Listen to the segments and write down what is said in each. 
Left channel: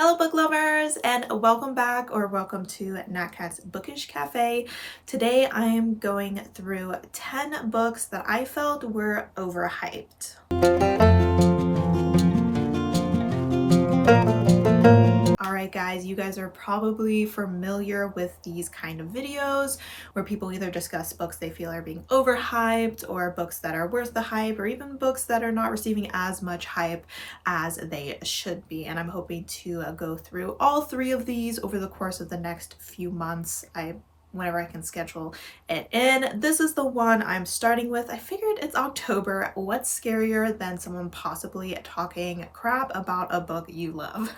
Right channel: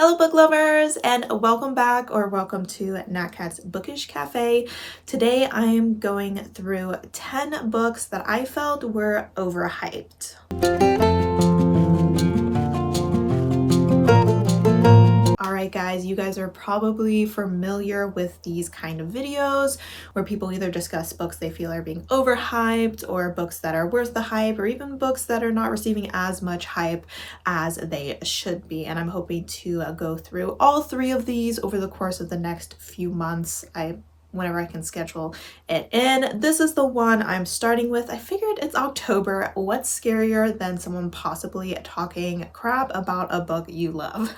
Hello book lovers, and welcome back or welcome to Nat Cat's Bookish Cafe. Today I am going through 10 books that I felt were overhyped. Alright guys, you guys are probably familiar with these kind of videos where people either discuss books they feel are being overhyped or books that are worth the hype or even books that are not receiving as much hype as they should be. And I'm hoping to go through all three of these over the course of the next few months. Whenever I can schedule it in. This is the one I'm starting with. I figured it's October. What's scarier than someone possibly talking crap about a book you love?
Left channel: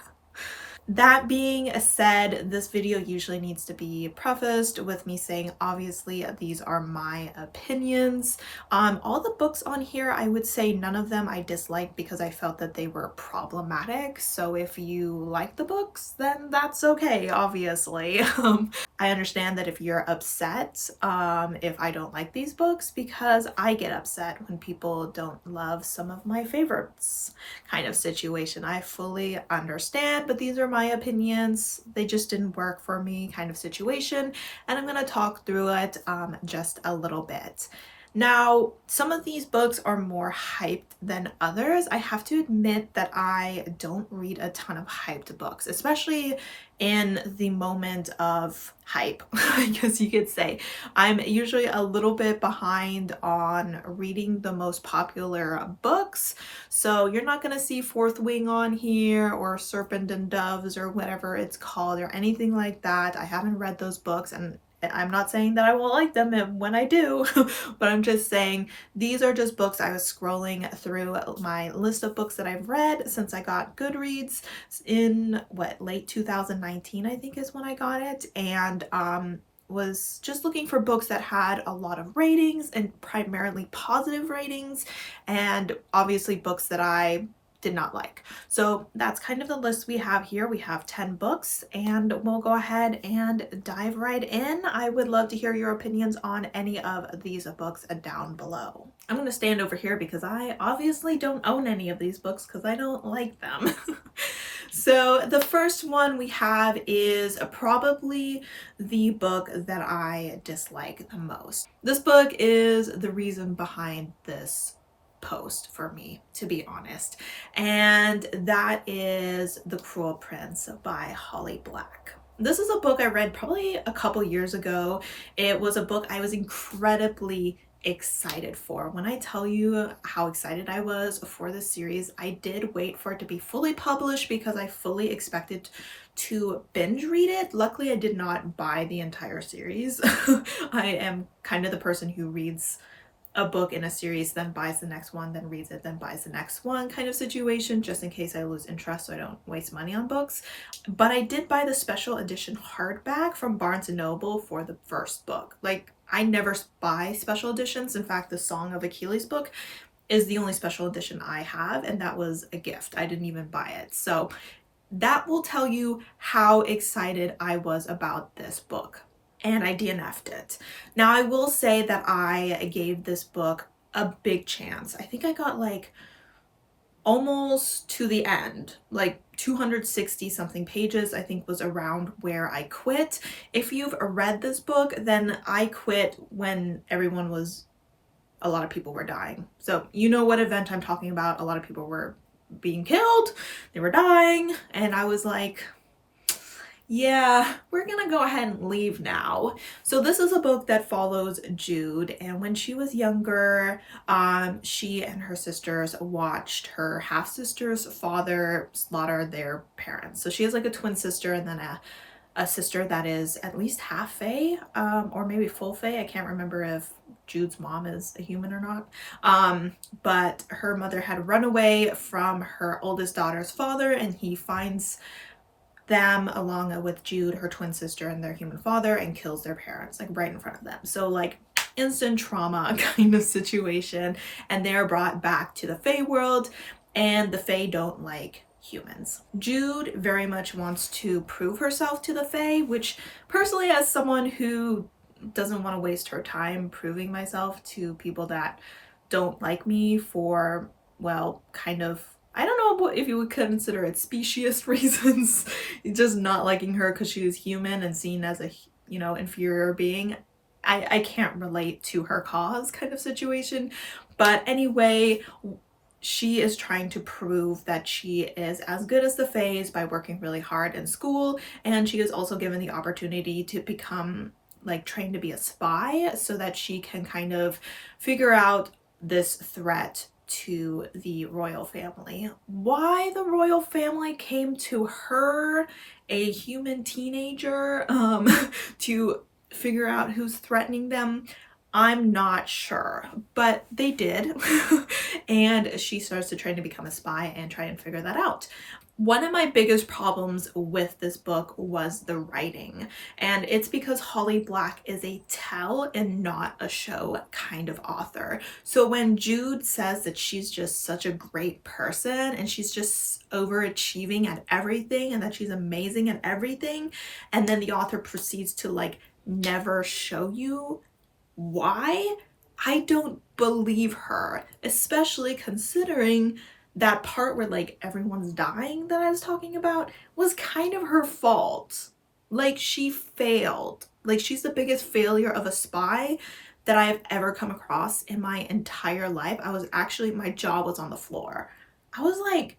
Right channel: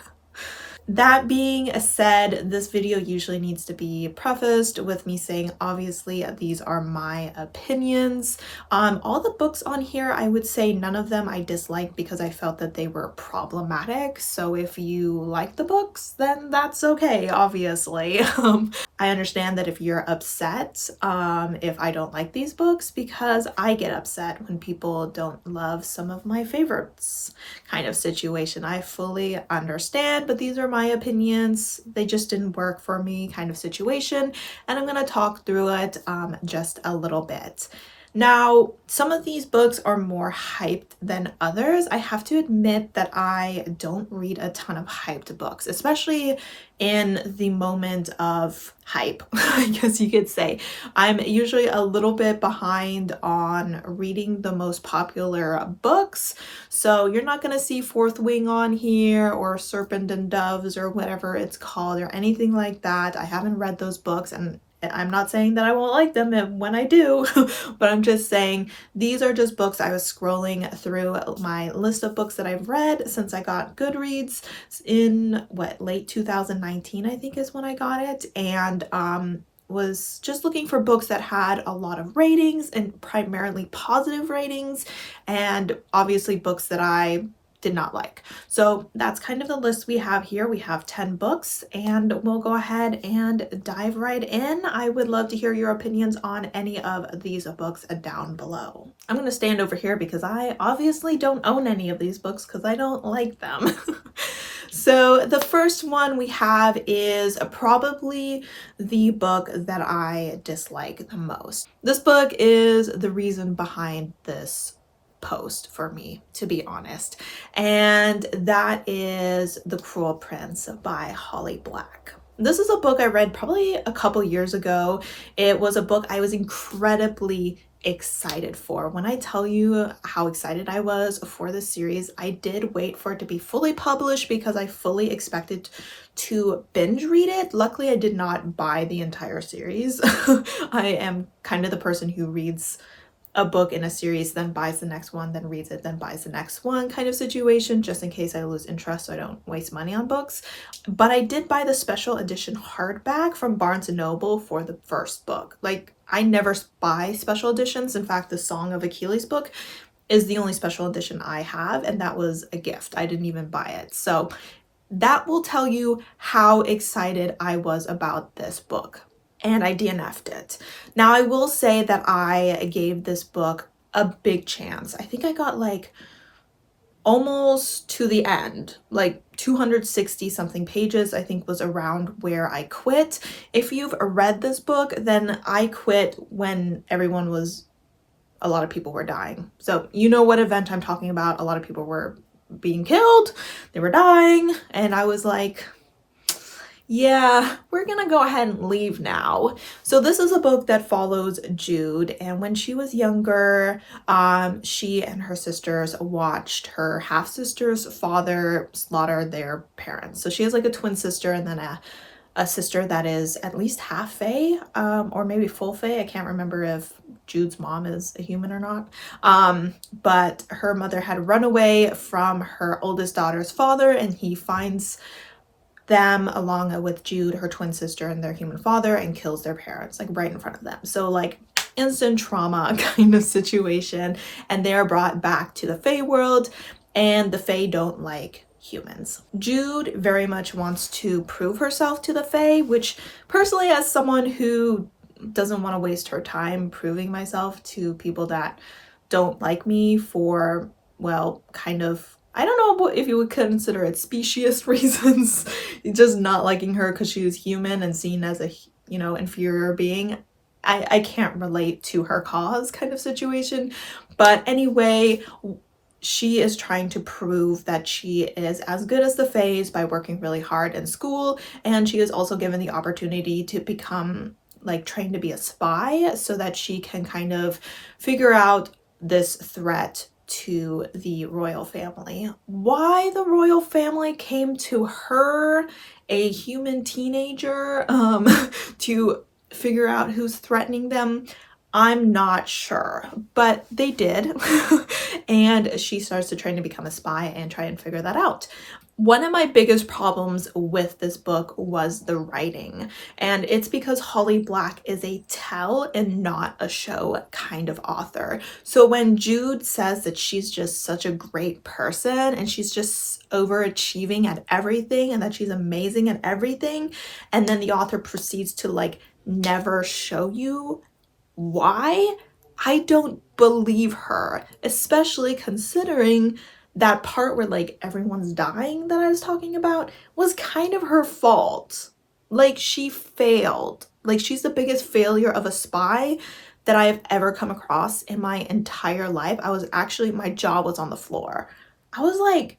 That being said, this video usually needs to be prefaced with me saying, obviously, these are my opinions. All the books on here, I would say none of them I disliked because I felt that they were problematic. So if you like the books, then that's okay, obviously. I understand that if you're upset, if I don't like these books, because I get upset when people don't love some of my favorites kind of situation. I fully understand, but these are my opinions. They just didn't work for me kind of situation, and I'm gonna talk through it just a little bit. Now, some of these books are more hyped than others. I have to admit that I don't read a ton of hyped books, especially in the moment of hype, I guess you could say. I'm usually a little bit behind on reading the most popular books, so you're not going to see Fourth Wing on here or Serpent and Doves or whatever it's called or anything like that. I haven't read those books, and I'm not saying that I won't like them when I do, but I'm just saying these are just books. I was scrolling through my list of books that I've read since I got Goodreads in late 2019, I think is when I got it, and was just looking for books that had a lot of ratings and primarily positive ratings, and obviously books that I did not like. So that's kind of the list we have here. We have 10 books, and we'll go ahead and dive right in. I would love to hear your opinions on any of these books down below. I'm going to stand over here because I obviously don't own any of these books because I don't like them. So the first one we have is probably the book that I dislike the most. This book is the reason behind this post for me, to be honest, and that is The Cruel Prince by Holly Black. This is a book I read probably a couple years ago. It was a book I was incredibly excited for. When I tell you how excited I was for this series, I did wait for it to be fully published because I fully expected to binge read it. Luckily, I did not buy the entire series. I am kind of the person who reads a book in a series, then buys the next one, then reads it, then buys the next one kind of situation, just in case I lose interest so I don't waste money on books. But I did buy the special edition hardback from Barnes & Noble for the first book. Like, I never buy special editions. In fact, the Song of Achilles book is the only special edition I have, and that was a gift. I didn't even buy it. So that will tell you how excited I was about this book. And I DNF'd it. Now, I will say that I gave this book a big chance. I think I got like almost to the end, like 260 something pages, I think was around where I quit. If you've read this book, then I quit when a lot of people were dying. So you know what event I'm talking about. A lot of people were being killed, they were dying, and I was like, yeah, we're gonna go ahead and leave now. So this is a book that follows Jude, and when she was younger, she and her sisters watched her half-sister's father slaughter their parents. So she has like a twin sister and then a sister that is at least half fae, or maybe full fae. I can't remember if Jude's mom is a human or not. But her mother had run away from her oldest daughter's father, and he finds them along with Jude, her twin sister, and their human father, and kills their parents like right in front of them. So like instant trauma kind of situation, and they're brought back to the Fae world, and the Fae don't like humans. Jude very much wants to prove herself to the Fae, which personally, as someone who doesn't want to waste her time proving myself to people that don't like me for, well, kind of I don't know if you would consider it speciesist reasons, just not liking her because she was human and seen as a, you know, inferior being. I can't relate to her cause kind of situation. But anyway, she is trying to prove that she is as good as the Fays by working really hard in school, and she is also given the opportunity to become like trained to be a spy so that she can kind of figure out this threat to the royal family. Why the royal family came to her, a human teenager, to figure out who's threatening them, I'm not sure, but they did. And she starts to train to become a spy and try and figure that out. One of my biggest problems with this book was the writing, and it's because Holly Black is a tell and not a show kind of author. So when Jude says that she's just such a great person and she's just overachieving at everything and that she's amazing at everything, and then the author proceeds to like never show you why, I don't believe her, especially considering that part where like everyone's dying that I was talking about was kind of her fault. Like she failed. Like she's the biggest failure of a spy that I have ever come across in my entire life. I was actually, my jaw was on the floor. I was like,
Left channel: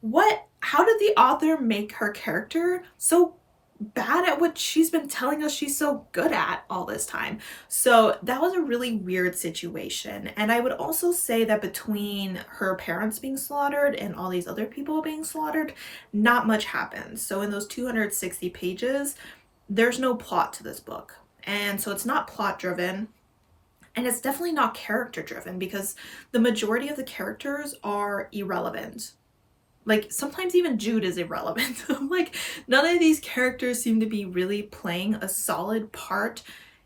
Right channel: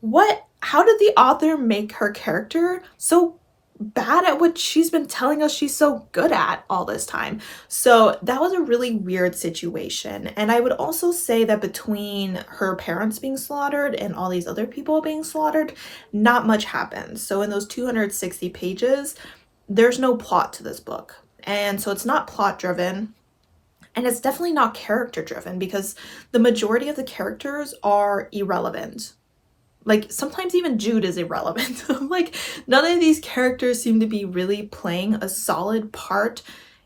what? How did the author make her character so bad at what she's been telling us she's so good at all this time? So that was a really weird situation. And I would also say that between her parents being slaughtered and all these other people being slaughtered, not much happens. So in those 260 pages, there's no plot to this book. And so it's not plot driven. And it's definitely not character driven because the majority of the characters are irrelevant. Like sometimes even Jude is irrelevant. Like none of these characters seem to be really playing a solid part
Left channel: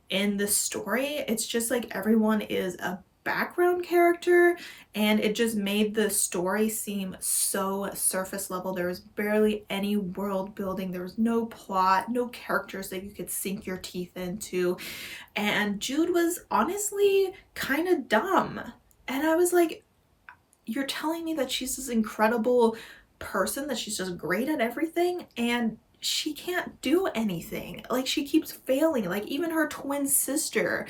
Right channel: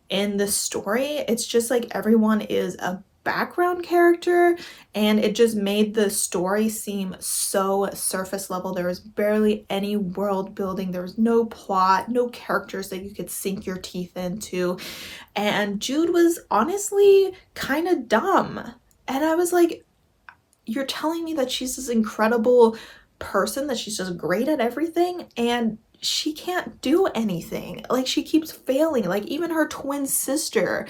in the story. It's just like everyone is a background character, and it just made the story seem so surface level. There was barely any world building. There was no plot, no characters that you could sink your teeth into. And Jude was honestly kind of dumb. And I was like, you're telling me that she's this incredible person, that she's just great at everything, and she can't do anything. Like she keeps failing. Like even her twin sister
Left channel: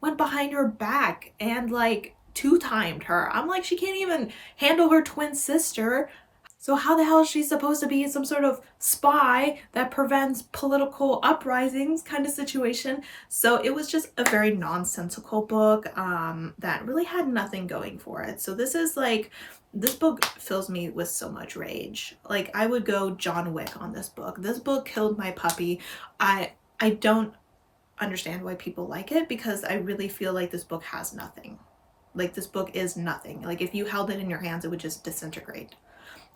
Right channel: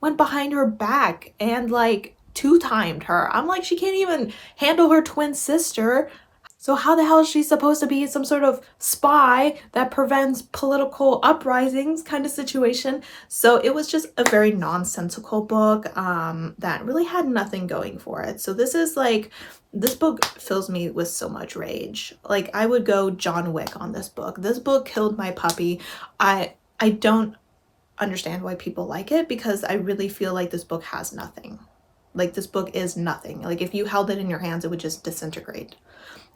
went behind her back and like two-timed her. I'm like, she can't even handle her twin sister. So how the hell is she supposed to be some sort of spy that prevents political uprisings kind of situation? So it was just a very nonsensical book that really had nothing going for it. So this is like, this book fills me with so much rage. Like I would go John Wick on this book. This book killed my puppy. I don't understand why people like it because I really feel like this book has nothing. Like this book is nothing. Like if you held it in your hands, it would just disintegrate.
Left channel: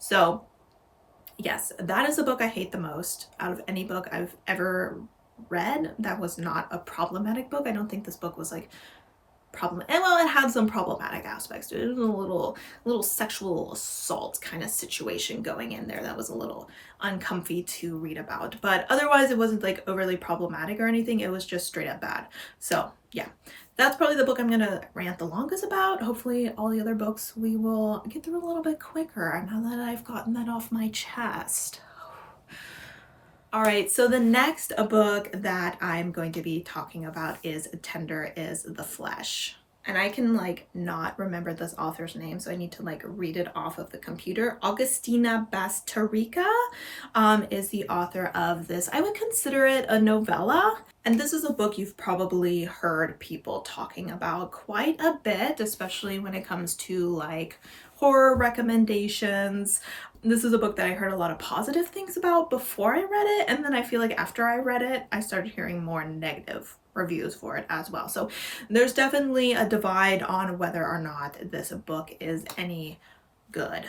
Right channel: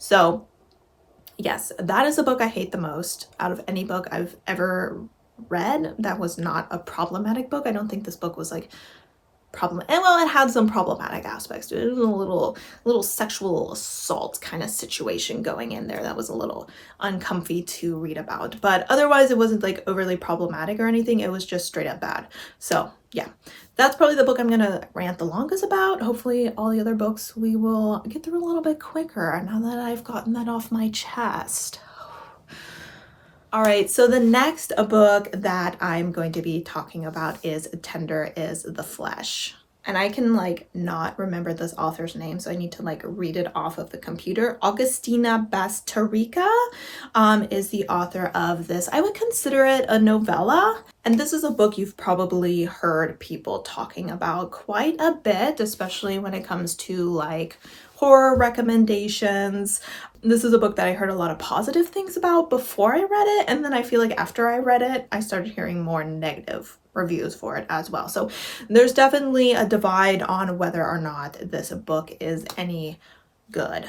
So yes, that is the book I hate the most out of any book I've ever read. That was not a problematic book. I don't think this book was like and well, it had some problematic aspects to it. It was a little sexual assault kind of situation going in there that was a little uncomfy to read about, but otherwise it wasn't like overly problematic or anything. It was just straight up bad. So yeah, that's probably the book I'm gonna rant the longest about. Hopefully all the other books we will get through a little bit quicker now that I've gotten that off my chest. All right, so the next book that I'm going to be talking about is Tender is the Flesh. And I can like not remember this author's name, so I need to like read it off of the computer. Augustina Bastarrica is the author of this. I would consider it a novella. And this is a book you've probably heard people talking about quite a bit, especially when it comes to like horror recommendations. This is a book that I heard a lot of positive things about before I read it, and then I feel like after I read it, I started hearing more negative reviews for it as well. So there's definitely a divide on whether or not this book is any good.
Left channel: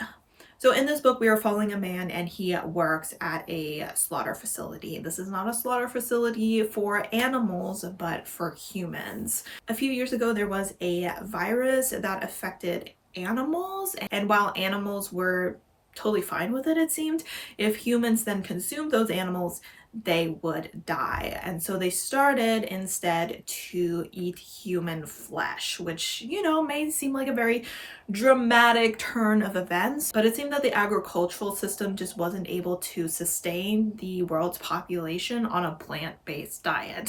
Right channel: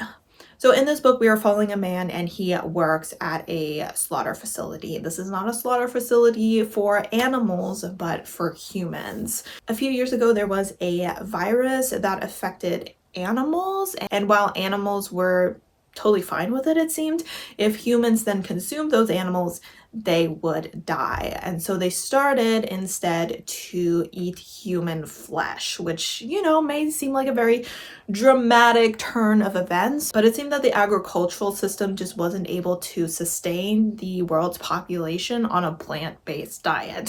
So in this book, we are following a man and he works at a slaughter facility. This is not a slaughter facility for animals, but for humans. A few years ago, there was a virus that affected animals, and while animals were totally fine with it, it seemed, if humans then consumed those animals, they would die. And so they started instead to eat human flesh, which, you know, may seem like a very dramatic turn of events, but it seemed that the agricultural system just wasn't able to sustain the world's population on a plant-based diet.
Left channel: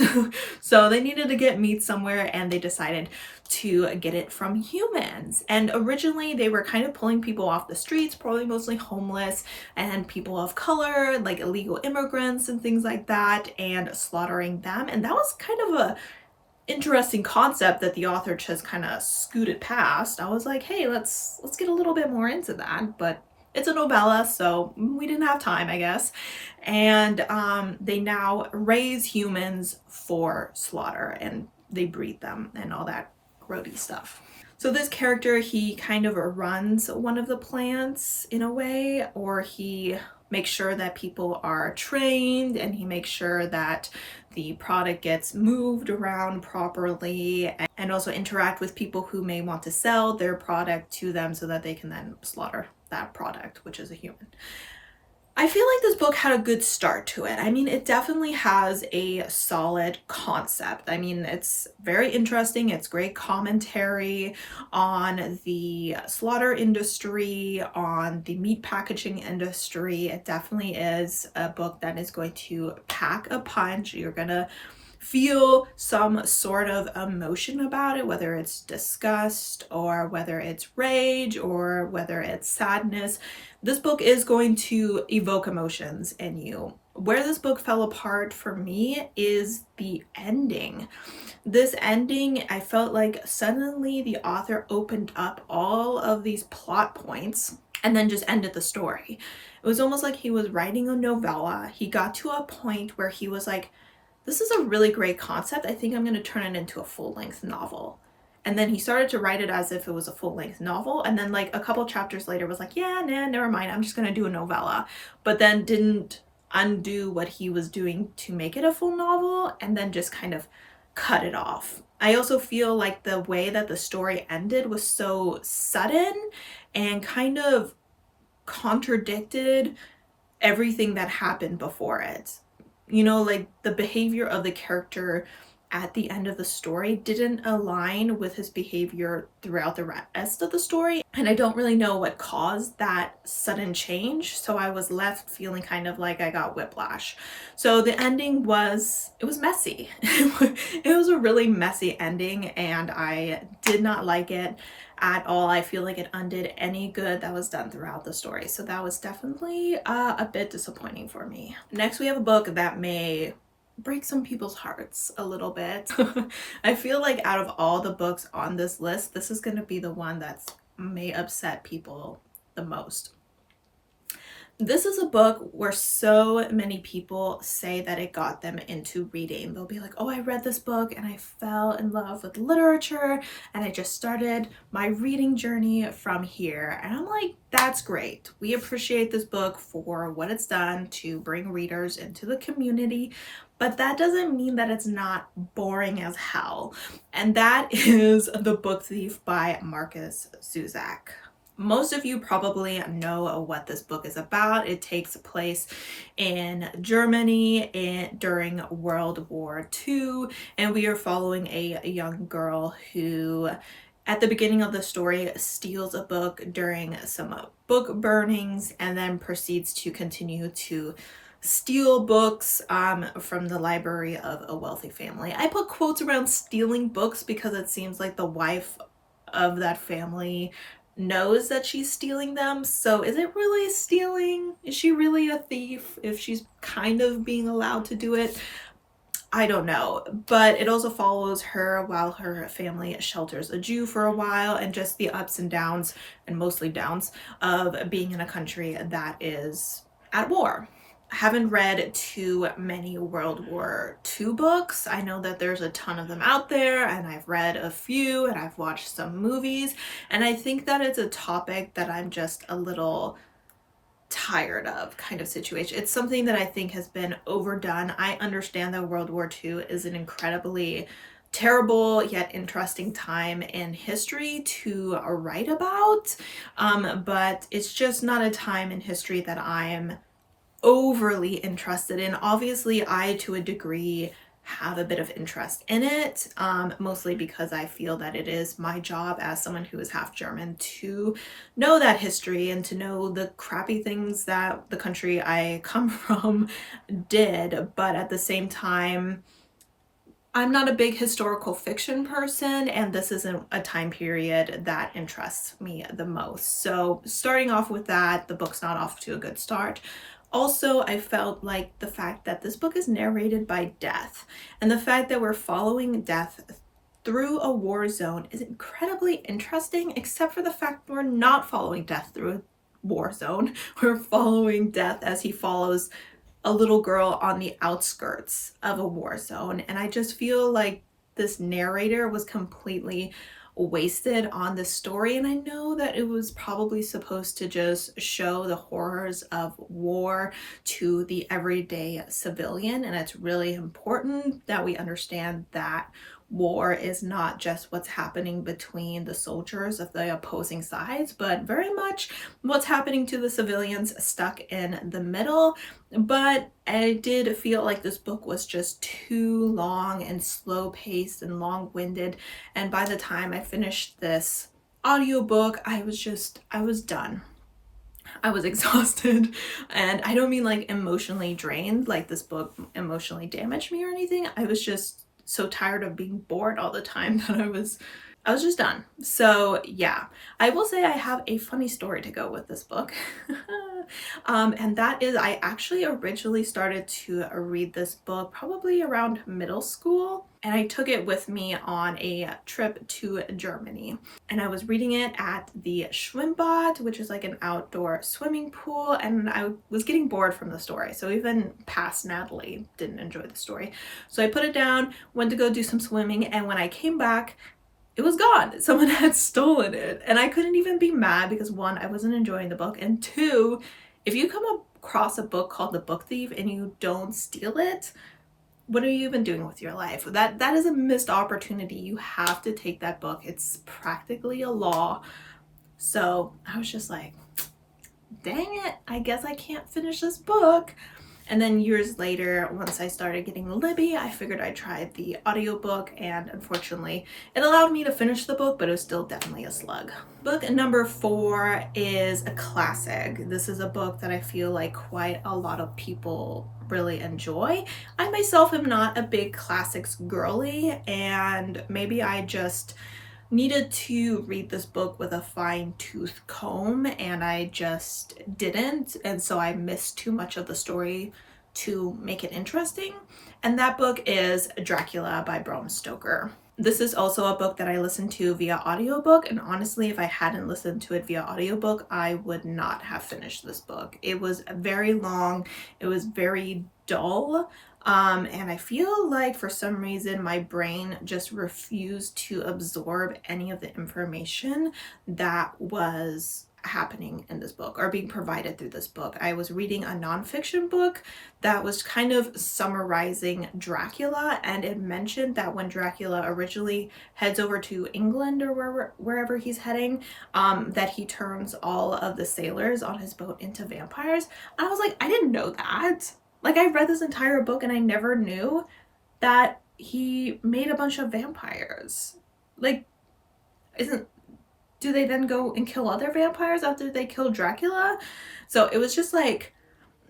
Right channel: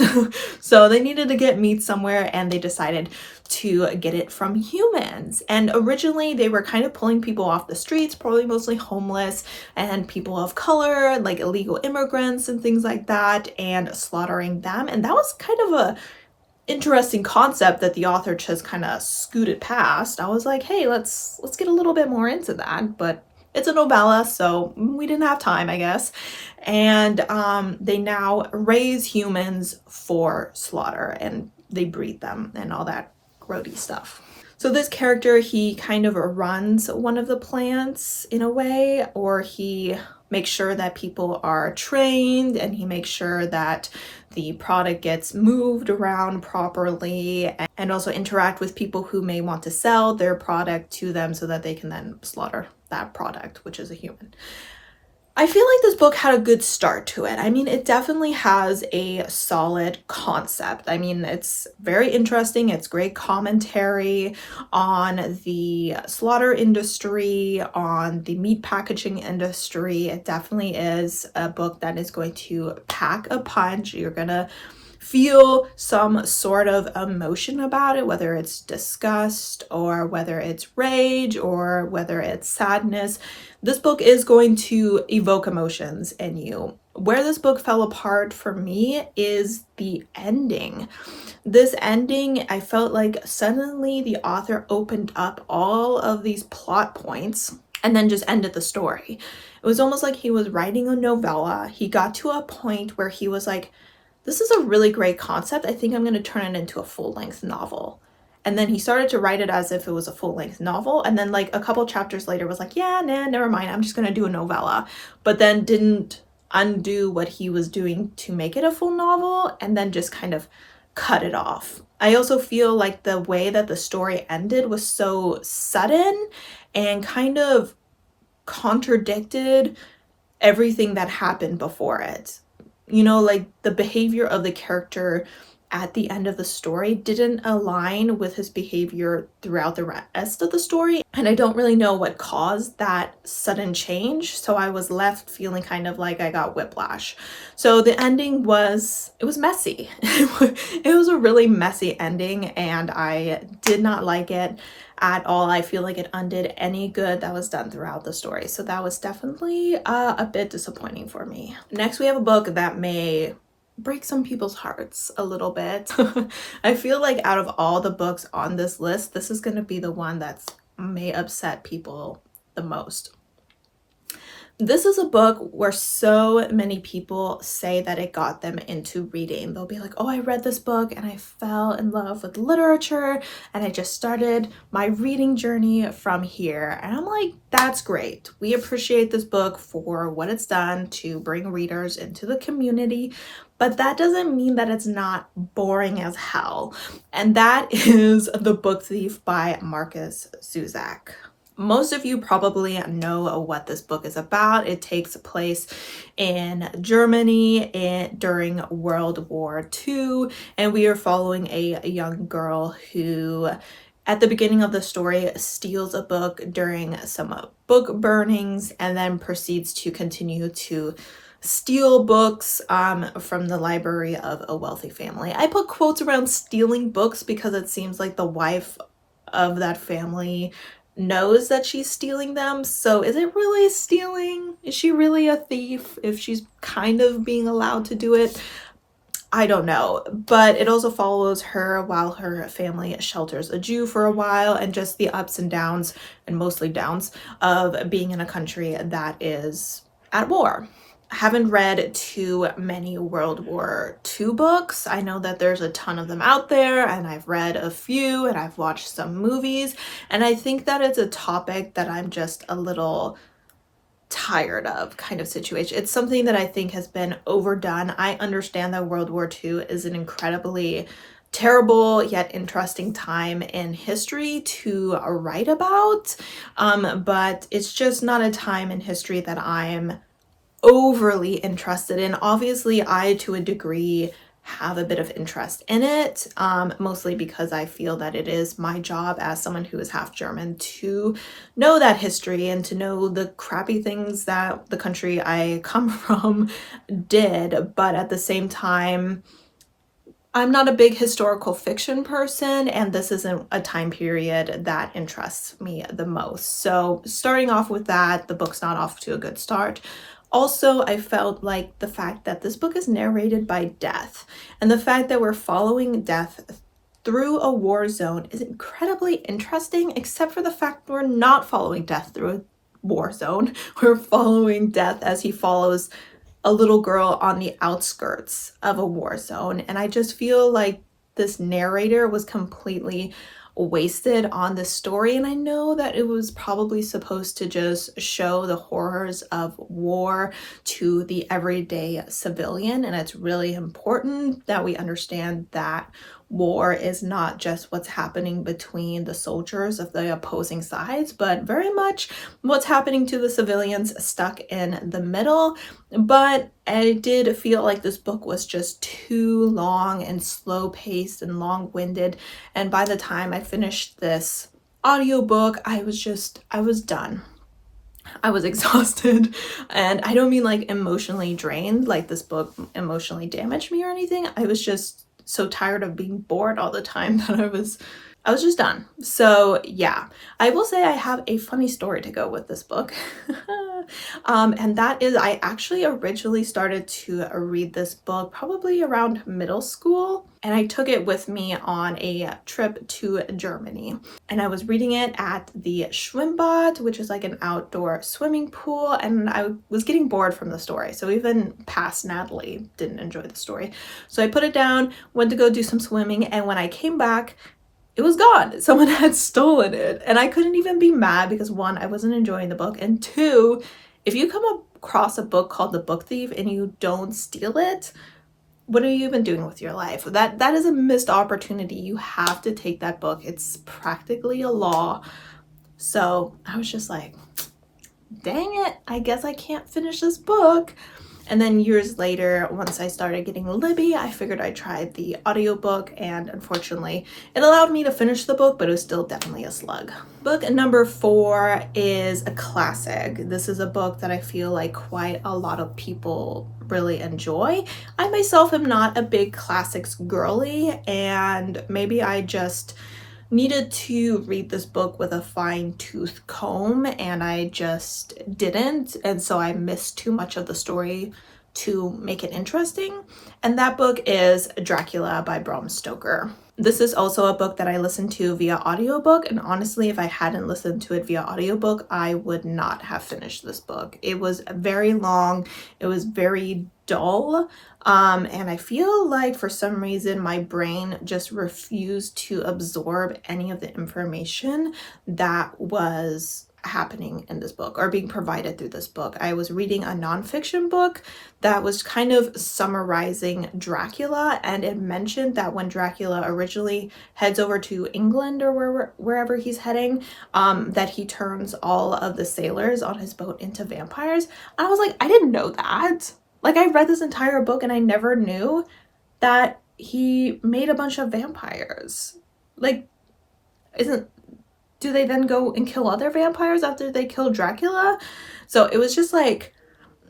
So they needed to get meat somewhere, and they decided to get it from humans. And originally they were kind of pulling people off the streets, probably mostly homeless and people of color, like illegal immigrants and things like that, and slaughtering them. And that was kind of a interesting concept that the author just kind of scooted past. I was like, hey, let's get a little bit more into that, but it's a novella, so we didn't have time, I guess. And they now raise humans for slaughter, and they breed them and all that grody stuff. So this character, he kind of runs one of the plants in a way, or he makes sure that people are trained, and he makes sure that the product gets moved around properly, and also interact with people who may want to sell their product to them so that they can then slaughter that product, which is a human. I feel like this book had a good start to it. I mean, it definitely has a solid concept. I mean, it's very interesting. It's great commentary on the slaughter industry, on the meat packaging industry. It definitely is a book that is going to pack a punch. You're gonna feel some sort of emotion about it, whether it's disgust or whether it's rage or whether it's sadness. This book is going to evoke emotions in you. Where this book fell apart for me is the ending. This ending, I felt like suddenly the author opened up all of these plot points and then just ended the story. It was almost like he was writing a novella. He got to a point where he was like, this is a really great concept. I think I'm going to turn it into a full-length novel. And then he started to write it as if it was a full-length novel. And then like a couple chapters later was like, yeah, nah, never mind. I'm just going to do a novella. But then didn't undo what he was doing to make it a full novel, and then just kind of cut it off. I also feel like the way that the story ended was so sudden and kind of contradicted everything that happened before it. You know, like the behavior of the character at the end of the story didn't align with his behavior throughout the rest of the story. And I don't really know what caused that sudden change. So I was left feeling kind of like I got whiplash. So the ending was, it was messy. It was a really messy ending, and I did not like it at all. I feel like it undid any good that was done throughout the story. So that was definitely a bit disappointing for me. Next, we have a book that may break some people's hearts a little bit. I feel like out of all the books on this list, this is going to be the one that's may upset people the most. This is a book where so many people say that it got them into reading. They'll be like, oh, I read this book and I fell in love with literature and I just started my reading journey from here. And I'm like, that's great. We appreciate this book for what it's done to bring readers into the community, but that doesn't mean that it's not boring as hell. And that is The Book Thief by Markus Zusak. Most of you probably know what this book is about. It takes place in Germany during World War II, and we are following a young girl who, at the beginning of the story, steals a book during some book burnings and then proceeds to continue to steal books from the library of a wealthy family. I put quotes around stealing books because it seems like the wife of that family knows that she's stealing them. So is it really stealing? Is she really a thief if she's kind of being allowed to do it? I don't know. But it also follows her while her family shelters a Jew for a while, and just the ups and downs, and mostly downs, of being in a country that is at war. I haven't read too many World War II books. I know that there's a ton of them out there, and I've read a few and I've watched some movies, and I think that it's a topic that I'm just a little tired of kind of situation. It's something that I think has been overdone. I understand that World War II is an incredibly terrible yet interesting time in history to write about, but it's just not a time in history that I'm overly interested in. Obviously, I, to a degree, have a bit of interest in it, mostly because I feel that it is my job as someone who is half German to know that history and to know the crappy things that the country I come from did. But at the same time, I'm not a big historical fiction person, and this isn't a time period that interests me the most. So starting off with that, the book's not off to a good start. Also, I felt like the fact that this book is narrated by Death, and the fact that we're following Death through a war zone is incredibly interesting, except for the fact we're not following Death through a war zone. We're following Death as he follows a little girl on the outskirts of a war zone. And I just feel like this narrator was completely wasted on this story. And I know that it was probably supposed to just show the horrors of war to the everyday civilian. And it's really important that we understand that war is not just what's happening between the soldiers of the opposing sides, but very much what's happening to the civilians stuck in the middle. But I did feel like this book was just too long and slow paced and long-winded. And by the time I finished this audiobook, I was done. I was exhausted, and I don't mean like emotionally drained, like this book emotionally damaged me or anything. I was just so tired of being bored all the time that I was just done. So yeah, I will say I have a funny story to go with this book. And that is, I actually originally started to read this book probably around middle school, and I took it with me on a trip to Germany. And I was reading it at the Schwimmbad, which is like an outdoor swimming pool, and I was getting bored from the story. So even past Natalie didn't enjoy the story. So I put it down, went to go do some swimming, and when I came back, it was gone. Someone had stolen it. And I couldn't even be mad because one, I wasn't enjoying the book, and two, if you come across a book called The Book Thief and you don't steal it, what are you even doing with your life? That is a missed opportunity. You have to take that book. It's practically a law. So I was just like, dang it, I guess I can't finish this book. And then years later, once I started getting Libby, I figured I'd try the audiobook, and unfortunately it allowed me to finish the book, but it was still definitely a slug. Book number 4 is a classic. This is a book that I feel like quite a lot of people really enjoy. I myself am not a big classics girly, and maybe I just needed to read this book with a fine-tooth comb, and I just didn't, and so I missed too much of the story to make it interesting. And that book is Dracula by Bram Stoker. This is also a book that I listened to via audiobook, and honestly, if I hadn't listened to it via audiobook, I would not have finished this book. It was very long, it was very dull, and I feel like for some reason my brain just refused to absorb any of the information that was happening in this book or being provided through this book. I was reading a nonfiction book that was kind of summarizing Dracula, and it mentioned that when Dracula originally heads over to England or wherever he's heading, that he turns all of the sailors on his boat into vampires. And I was like, I didn't know that. Like, I read this entire book and I never knew that he made a bunch of vampires. Like, do they then go and kill other vampires after they kill Dracula? So it was just like,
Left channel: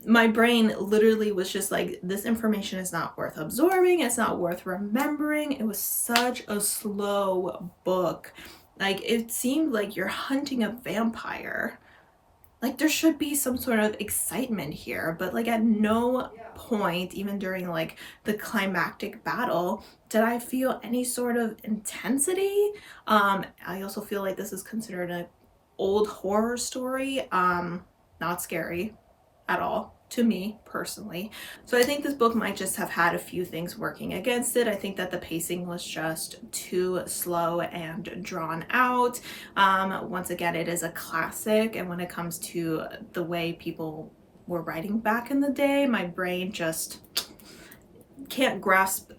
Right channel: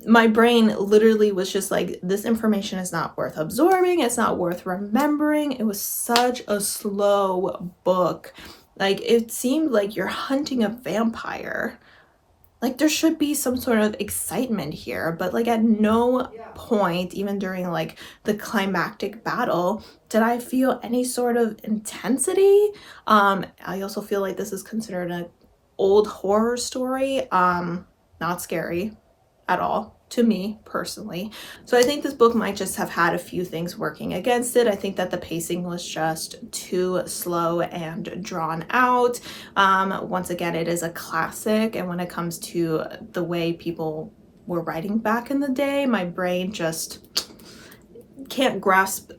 my brain literally was just like, this information is not worth absorbing. It's not worth remembering. It was such a slow book. Like, it seemed like you're hunting a vampire. Like, there should be some sort of excitement here, but like at no point, even during like the climactic battle, did I feel any sort of intensity. I also feel like this is considered an old horror story. Not scary at all to me personally. So I think this book might just have had a few things working against it. I think that the pacing was just too slow and drawn out. Once again, it is a classic, and when it comes to the way people were writing back in the day, my brain just can't grasp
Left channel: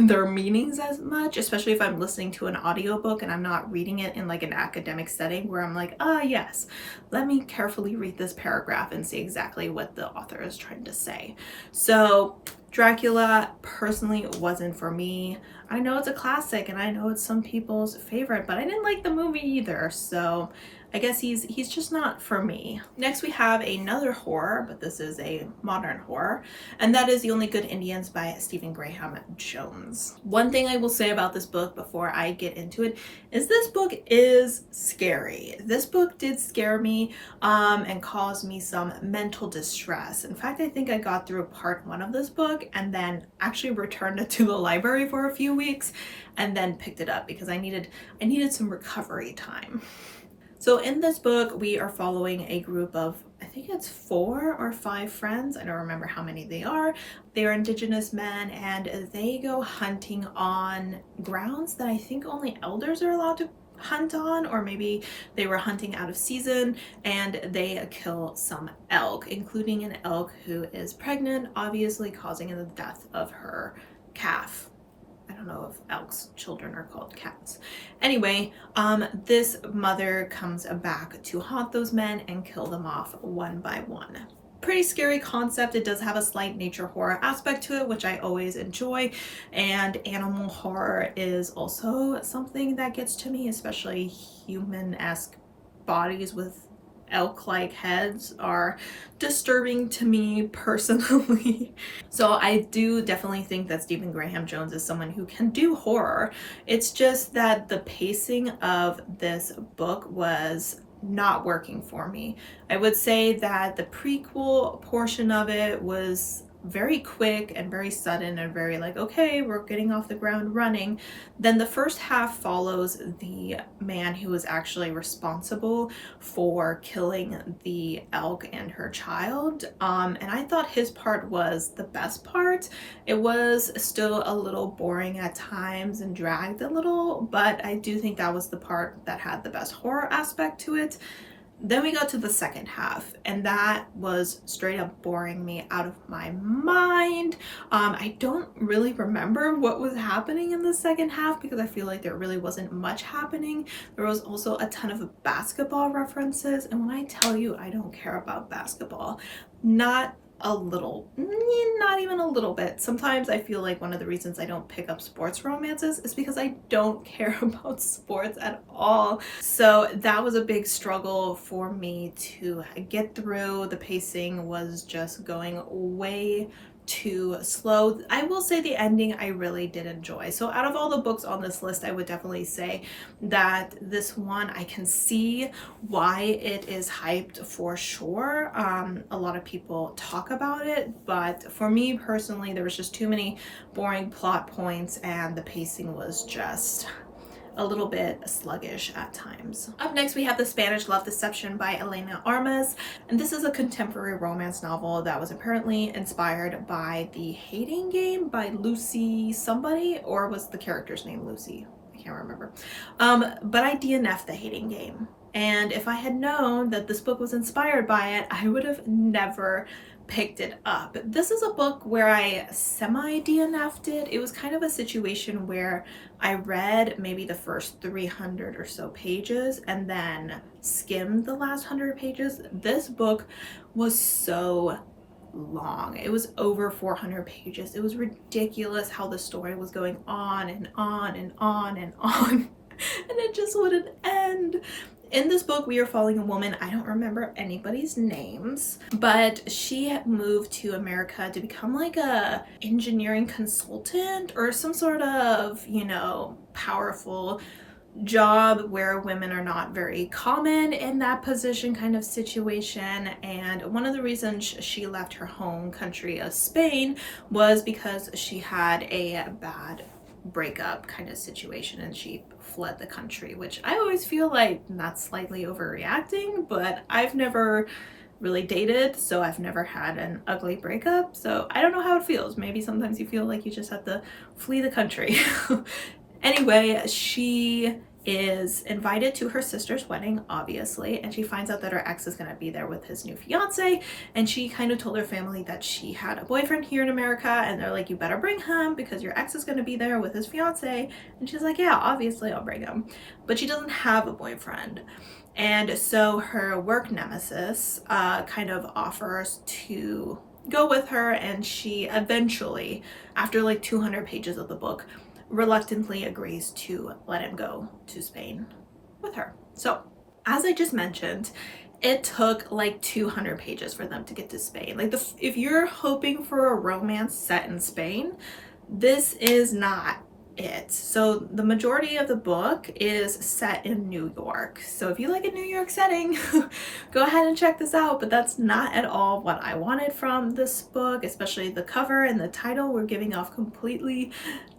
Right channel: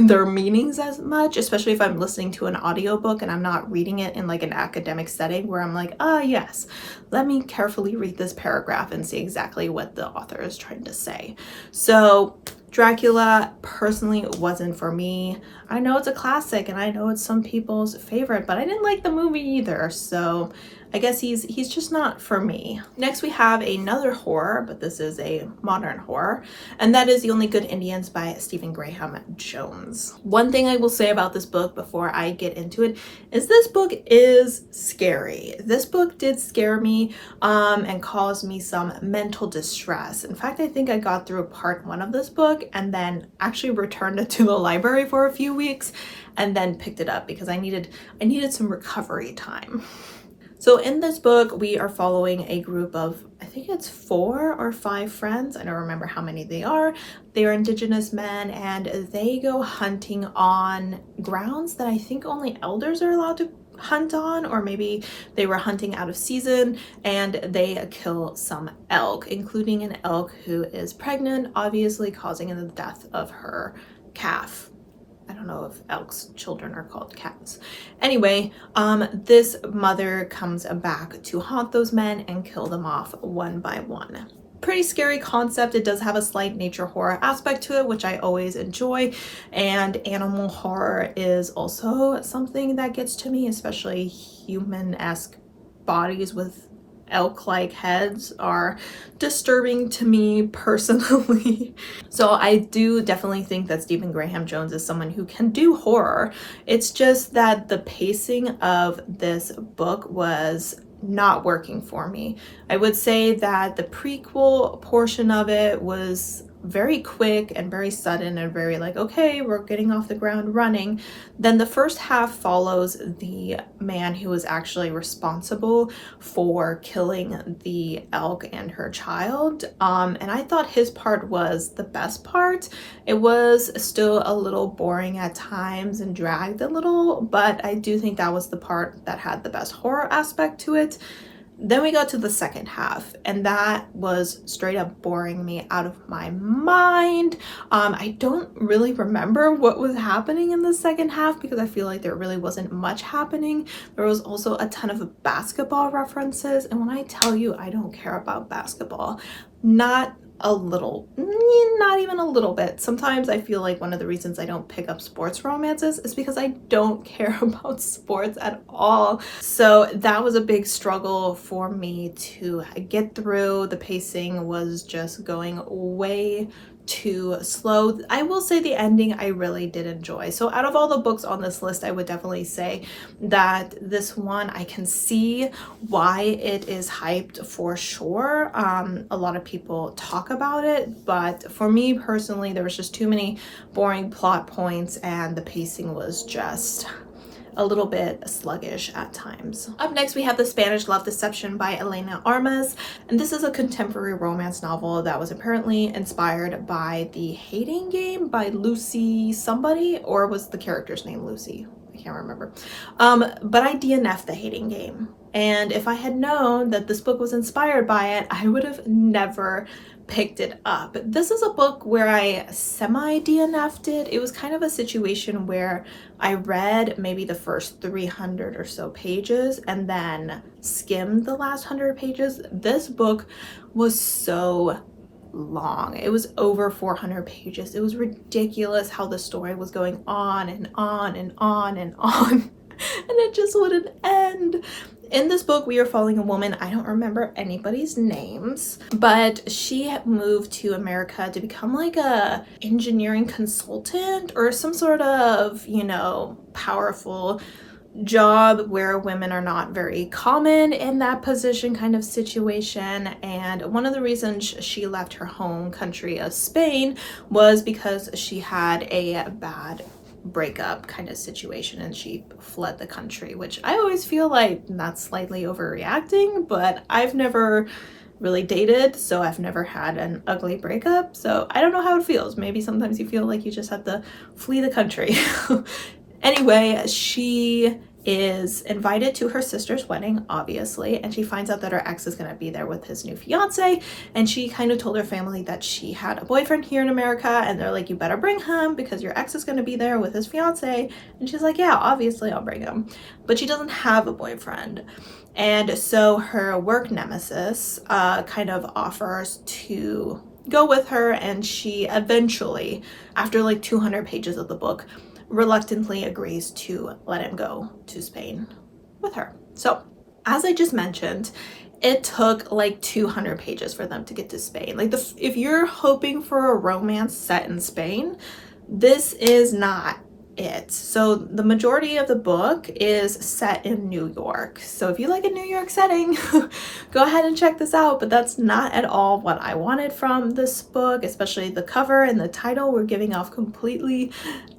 their meanings as much, especially if I'm listening to an audiobook and I'm not reading it in like an academic setting where I'm like, yes, let me carefully read this paragraph and see exactly what the author is trying to say. So Dracula personally wasn't for me. I know it's a classic and I know it's some people's favorite, but I didn't like the movie either, so I guess he's just not for me. Next we have another horror, but this is a modern horror, and that is The Only Good Indians by Stephen Graham Jones. One thing I will say about this book before I get into it is this book is scary. This book did scare me and caused me some mental distress. In fact, I think I got through part 1 of this book and then actually returned it to the library for a few weeks and then picked it up because I needed some recovery time. So in this book, we are following a group of, I think it's 4 or 5 friends. I don't remember how many they are. They are Indigenous men and they go hunting on grounds that I think only elders are allowed to hunt on, or maybe they were hunting out of season, and they kill some elk, including an elk who is pregnant, obviously causing the death of her calf. I don't know if elk's children are called cats. Anyway, this mother comes back to haunt those men and kill them off one by one. Pretty scary concept. It does have a slight nature horror aspect to it, which I always enjoy, and animal horror is also something that gets to me, especially human-esque bodies with elk-like heads are disturbing to me personally. So I do definitely think that Stephen Graham Jones is someone who can do horror. It's just that the pacing of this book was not working for me. I would say that the prequel portion of it was very quick and very sudden and very like, okay, we're getting off the ground running. Then the first half follows the man who was actually responsible for killing the elk and her child. And I thought his part was the best part. It was still a little boring at times and dragged a little, but I do think that was the part that had the best horror aspect to it. Then we got to the second half, and that was straight up boring me out of my mind. I don't really remember what was happening in the second half because I feel like there really wasn't much happening. There was also a ton of basketball references, and when I tell you I don't care about basketball, not a little, not even a little bit. Sometimes I feel like one of the reasons I don't pick up sports romances is because I don't care about sports at all. So that was a big struggle for me to get through. The pacing was just going way too slow. I will say the ending I really did enjoy. So out of all the books on this list, I would definitely say that this one, I can see why it is hyped for sure. A lot of people talk about it, but for me personally, there was just too many boring plot points and the pacing was just a little bit sluggish at times. Up next, we have The Spanish Love Deception by Elena Armas, and this is a contemporary romance novel that was apparently inspired by The Hating Game by Lucy somebody, or was the character's name Lucy? I can't remember. But I DNF'd The Hating Game, and if I had known that this book was inspired by it, I would have never picked it up. This is a book where I semi-DNF'd it. It was kind of a situation where I read maybe the first 300 or so pages and then skimmed the last 100 pages. This book was so long. It was over 400 pages. It was ridiculous how the story was going on and on and on and on, and it just wouldn't end. In this book, we are following a woman, I don't remember anybody's names, but she moved to America to become like a engineering consultant or some sort of, you know, powerful job where women are not very common in that position kind of situation. And one of the reasons she left her home country of Spain was because she had a bad breakup kind of situation and she fled the country, which I always feel like that's slightly overreacting, but I've never really dated, so I've never had an ugly breakup, so I don't know how it feels. Maybe sometimes you feel like you just have to flee the country. Anyway, she is invited to her sister's wedding, obviously, and she finds out that her ex is going to be there with his new fiance, and she kind of told her family that she had a boyfriend here in America, and they're like, you better bring him because your ex is going to be there with his fiance. And she's like, yeah, obviously I'll bring him. But she doesn't have a boyfriend. And so her work nemesis kind of offers to go with her, and she eventually, after like 200 pages of the book, reluctantly agrees to let him go to Spain with her. So, as I just mentioned, it took like 200 pages for them to get to Spain. Like, if you're hoping for a romance set in Spain, this is not it. So the majority of the book is set in New York. So if you like a New York setting, go ahead and check this out. But that's not at all what I wanted from this book, especially the cover and the title were giving off completely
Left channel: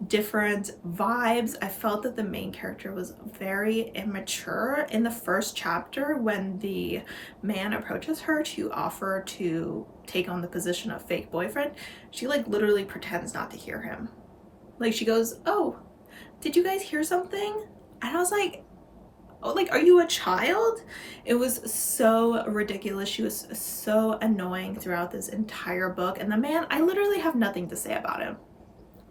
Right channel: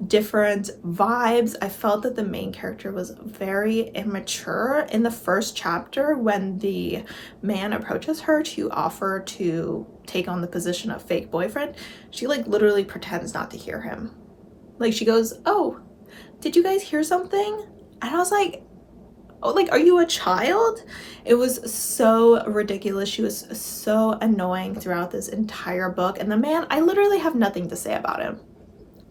different vibes. I felt that the main character was very immature in the first chapter when the man approaches her to offer to take on the position of fake boyfriend. She like literally pretends not to hear him. Like, she goes, oh, did you guys hear something? And I was like, oh, like, are you a child? It was so ridiculous. She was so annoying throughout this entire book. And the man, I literally have nothing to say about him.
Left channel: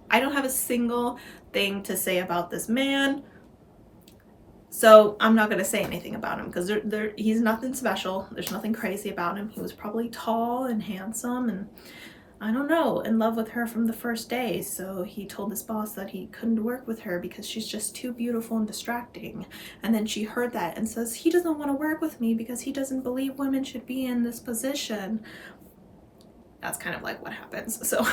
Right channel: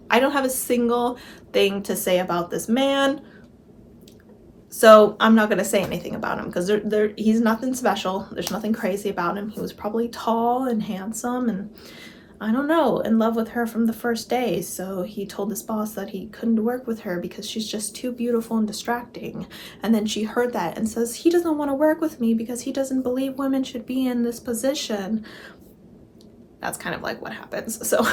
I don't have a single thing to say about this man. So I'm not going to say anything about him because he's nothing special. There's nothing crazy about him. He was probably tall and handsome and, I don't know, in love with her from the first day. So he told his boss that he couldn't work with her because she's just too beautiful and distracting. And then she heard that and says, he doesn't want to work with me because he doesn't believe women should be in this position. That's kind of like what happens. So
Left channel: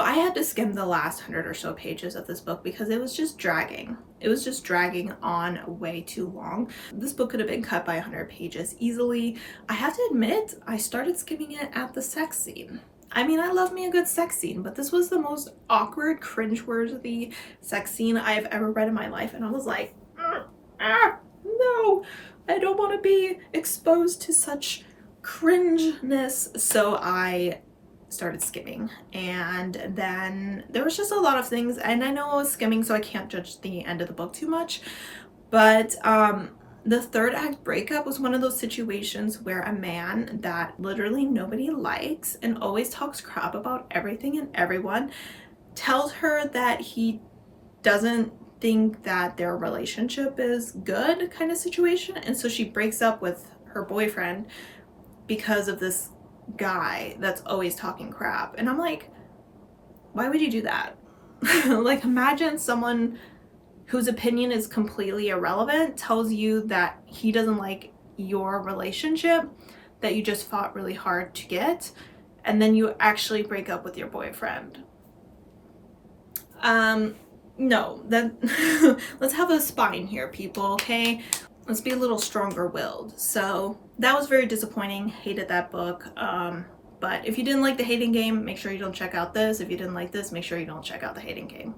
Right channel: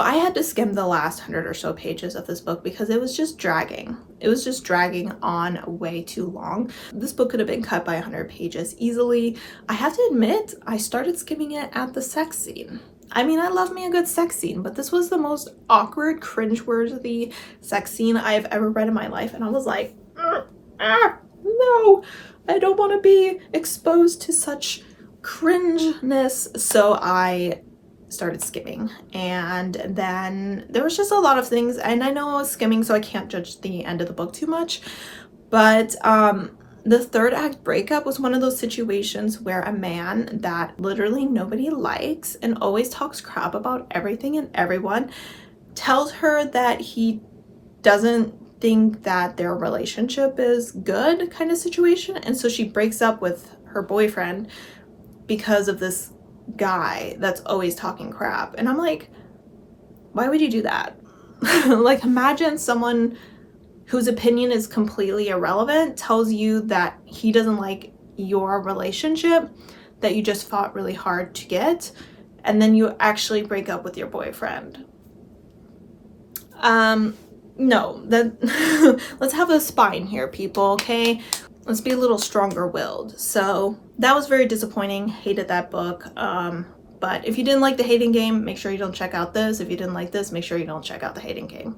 I had to skim the last 100 or so pages of this book because it was just dragging. It was just dragging on way too long. This book could have been cut by 100 pages easily. I have to admit, I started skimming it at the sex scene. I mean, I love me a good sex scene, but this was the most awkward, cringeworthy sex scene I've ever read in my life. And I was like, no, I don't want to be exposed to such cringeness. So I started skimming, and then there was just a lot of things, and I know I was skimming, so I can't judge the end of the book too much, but the third act breakup was one of those situations where a man that literally nobody likes and always talks crap about everything and everyone tells her that he doesn't think that their relationship is good kind of situation, and so she breaks up with her boyfriend because of this guy that's always talking crap. And I'm like, why would you do that? Like, imagine someone whose opinion is completely irrelevant tells you that he doesn't like your relationship that you just fought really hard to get, and then you actually break up with your boyfriend. No, that let's have a spine here, people, okay? Let's be a little stronger willed. So that was very disappointing. Hated that book. But if you didn't like the hating game, make sure you don't check out this. If you didn't like this, make sure you don't check out the hating game.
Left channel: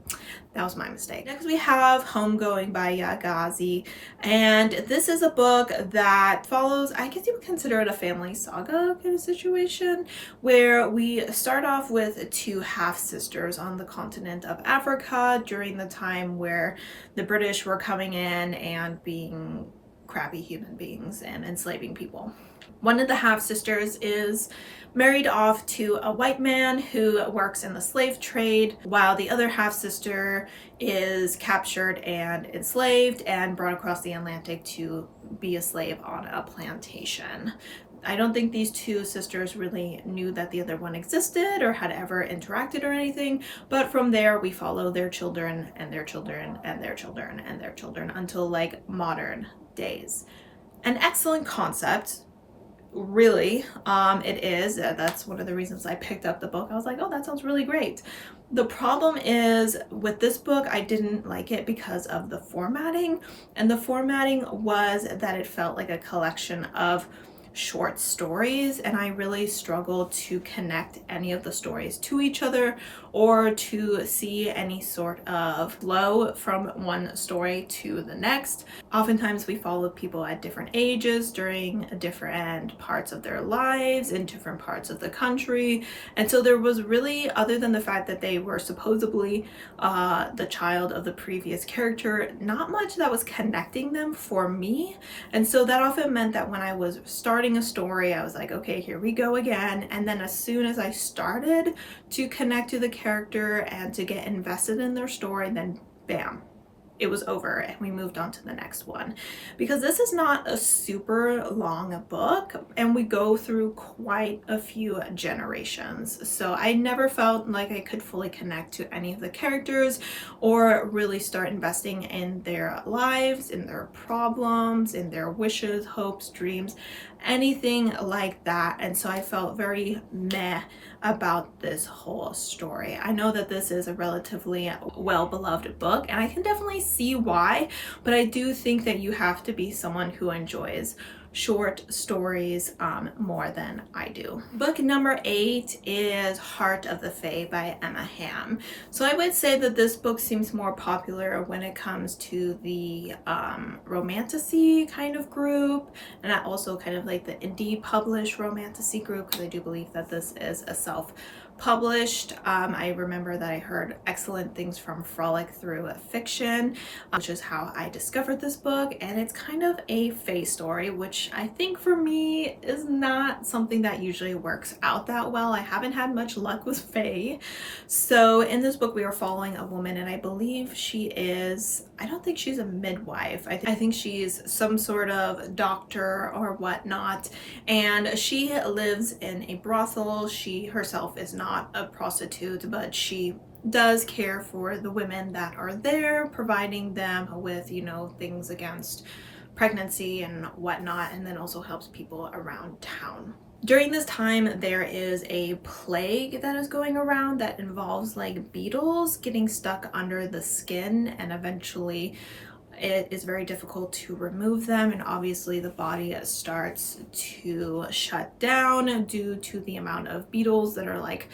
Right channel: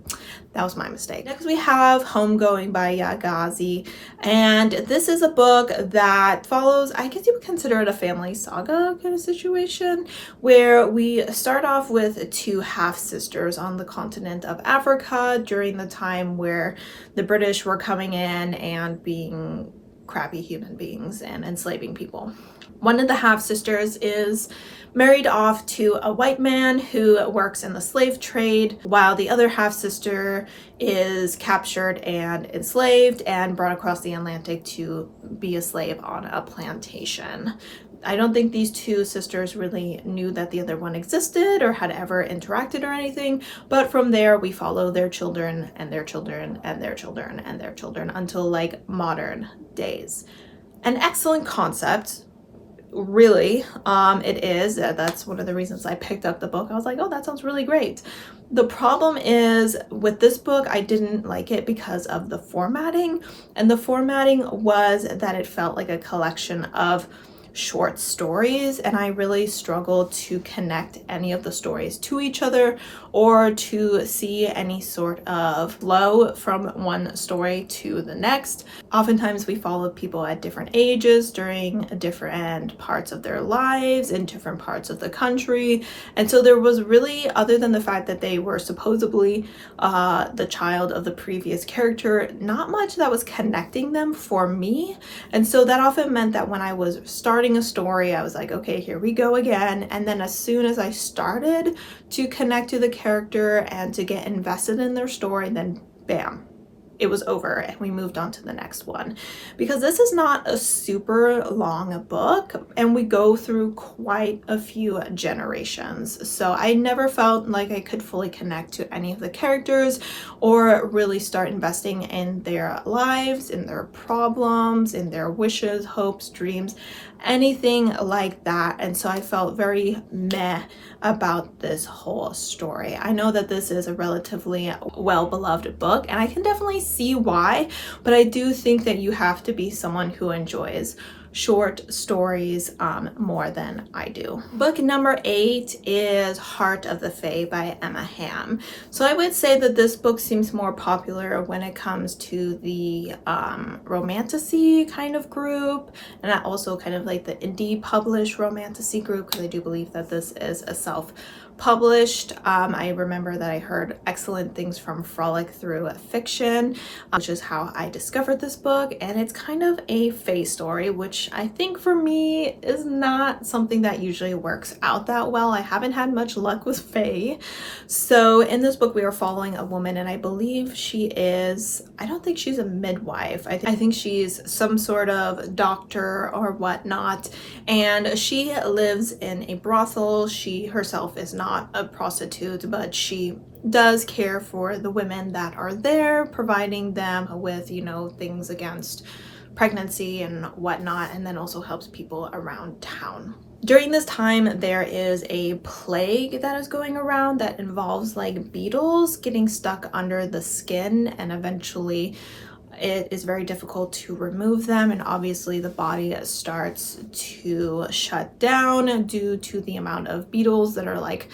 That was my mistake. Next we have Homegoing by Yagazi. And this is a book that follows, I guess you would consider it a family saga kind of situation, where we start off with two half-sisters on the continent of Africa during the time where the British were coming in and being crappy human beings and enslaving people. One of the half-sisters is married off to a white man who works in the slave trade, while the other half-sister is captured and enslaved and brought across the Atlantic to be a slave on a plantation. I don't think these two sisters really knew that the other one existed or had ever interacted or anything, but from there we follow their children and their children and their children and their children until like modern days. An excellent concept. Really, it is. That's one of the reasons I picked up the book. I was like, oh, that sounds really great. The problem is with this book, I didn't like it because of the formatting, and the formatting was that it felt like a collection of short stories, and I really struggled to connect any of the stories to each other or to see any sort of flow from one story to the next. Oftentimes we follow people at different ages during different parts of their lives in different parts of the country, and so there was really, other than the fact that they were supposedly the child of the previous character, not much that was connecting them for me. And so that often meant that when I was starting a story, I was like, okay, here we go again. And then as soon as I started to connect to the character and to get invested in their story, then bam, it was over and we moved on to the next one. Because this is not a super long book and we go through quite a few generations. So I never felt like I could fully connect to any of the characters or really start investing in their lives, in their problems, in their wishes, hopes, dreams, anything like that. And so I felt very meh about this whole story. I know that this is a relatively well-beloved book and I can definitely see why, but I do think that you have to be someone who enjoys short stories more than I do. Book number 8 is Heart of the Fae by Emma Hamm. So I would say that this book seems more popular when it comes to the romantasy kind of group, and I also kind of like the indie published romantasy group, because I do believe that this is a self-published. I remember that I heard excellent things from Frolic Through Fiction, which is how I discovered this book, and it's kind of a fae story, which I think for me is not something that usually works out that well. I haven't had much luck with fae. So in this book we are following a woman, and I believe she is, I don't think she's a midwife. I think she's some sort of doctor or whatnot, and she lives in a brothel. She herself is not a prostitute, but she does care for the women that are there, providing them with, you know, things against pregnancy and whatnot, and then also helps people around town. During this time, there is a plague that is going around that involves like beetles getting stuck under the skin, and eventually it is very difficult to remove them, and obviously the body starts to shut down due to the amount of beetles that are like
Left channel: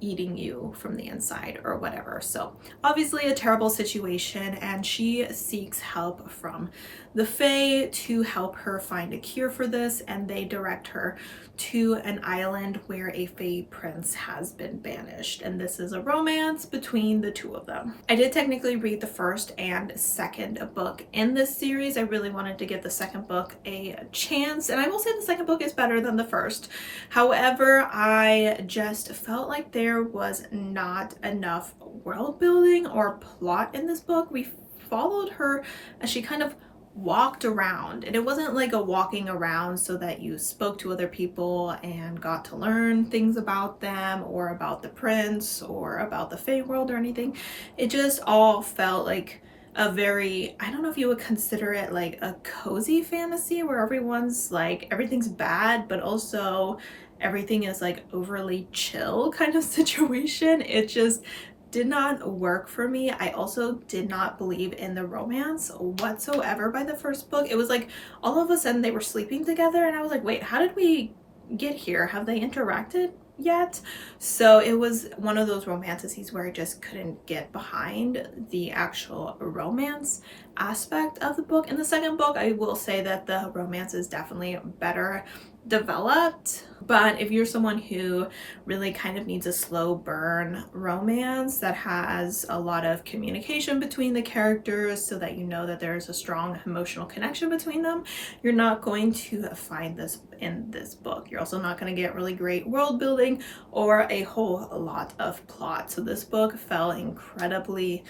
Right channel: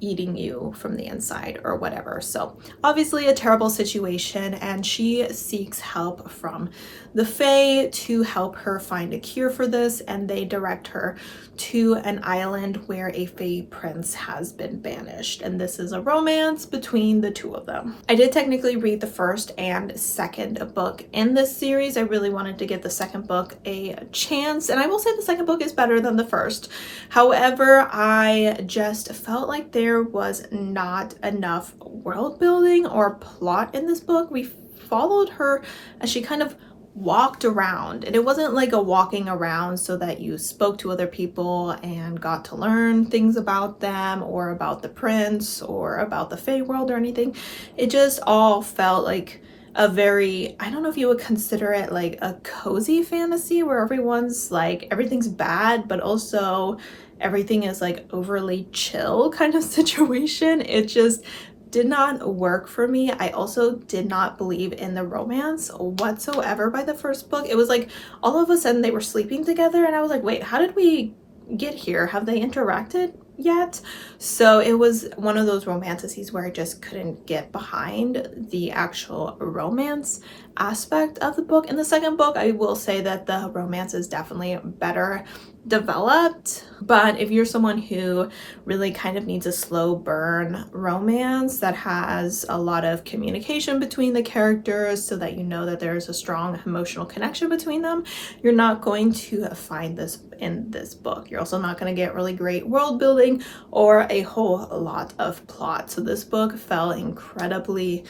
eating you from the inside or whatever. So obviously a terrible situation, and she seeks help from the Fae to help her find a cure for this, and they direct her to an island where a Fae prince has been banished, and this is a romance between the two of them. I did technically read the first and second book in this series. I really wanted to give the second book a chance, and I will say the second book is better than the first. However, I just felt like there was not enough world building or plot in this book. We followed her as she kind of walked around, and it wasn't like a walking around so that you spoke to other people and got to learn things about them or about the prince or about the Fae world or anything. It just all felt like a very, I don't know if you would consider it like a cozy fantasy where everyone's like, everything's bad but also everything is like overly chill kind of situation. It just did not work for me. I also did not believe in the romance whatsoever by the first book. It was like all of a sudden they were sleeping together, and I was like, wait, how did we get here? Have they interacted yet? So it was one of those romantasies where I just couldn't get behind the actual romance aspect of the book. In the second book, I will say that the romance is definitely better developed, but if you're someone who really kind of needs a slow burn romance that has a lot of communication between the characters so that you know that there's a strong emotional connection between them, you're not going to find this in this book. You're also not going to get really great world building or a whole lot of plot. So this book fell incredibly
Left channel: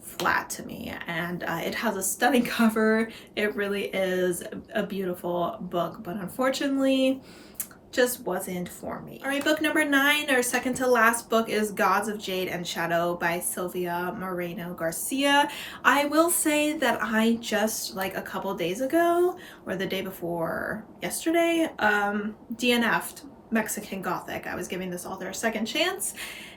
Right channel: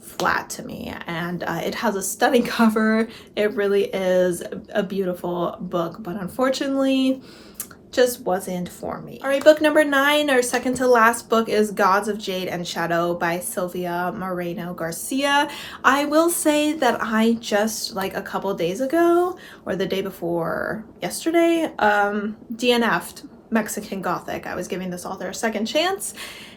flat to me, and it has a stunning cover. It really is a beautiful book, but unfortunately just wasn't for me. All right, book number 9, our second to last book, is Gods of Jade and Shadow by Sylvia Moreno Garcia. I will say that I just like a couple days ago or the day before yesterday DNF'd Mexican Gothic. I was giving this author a second chance,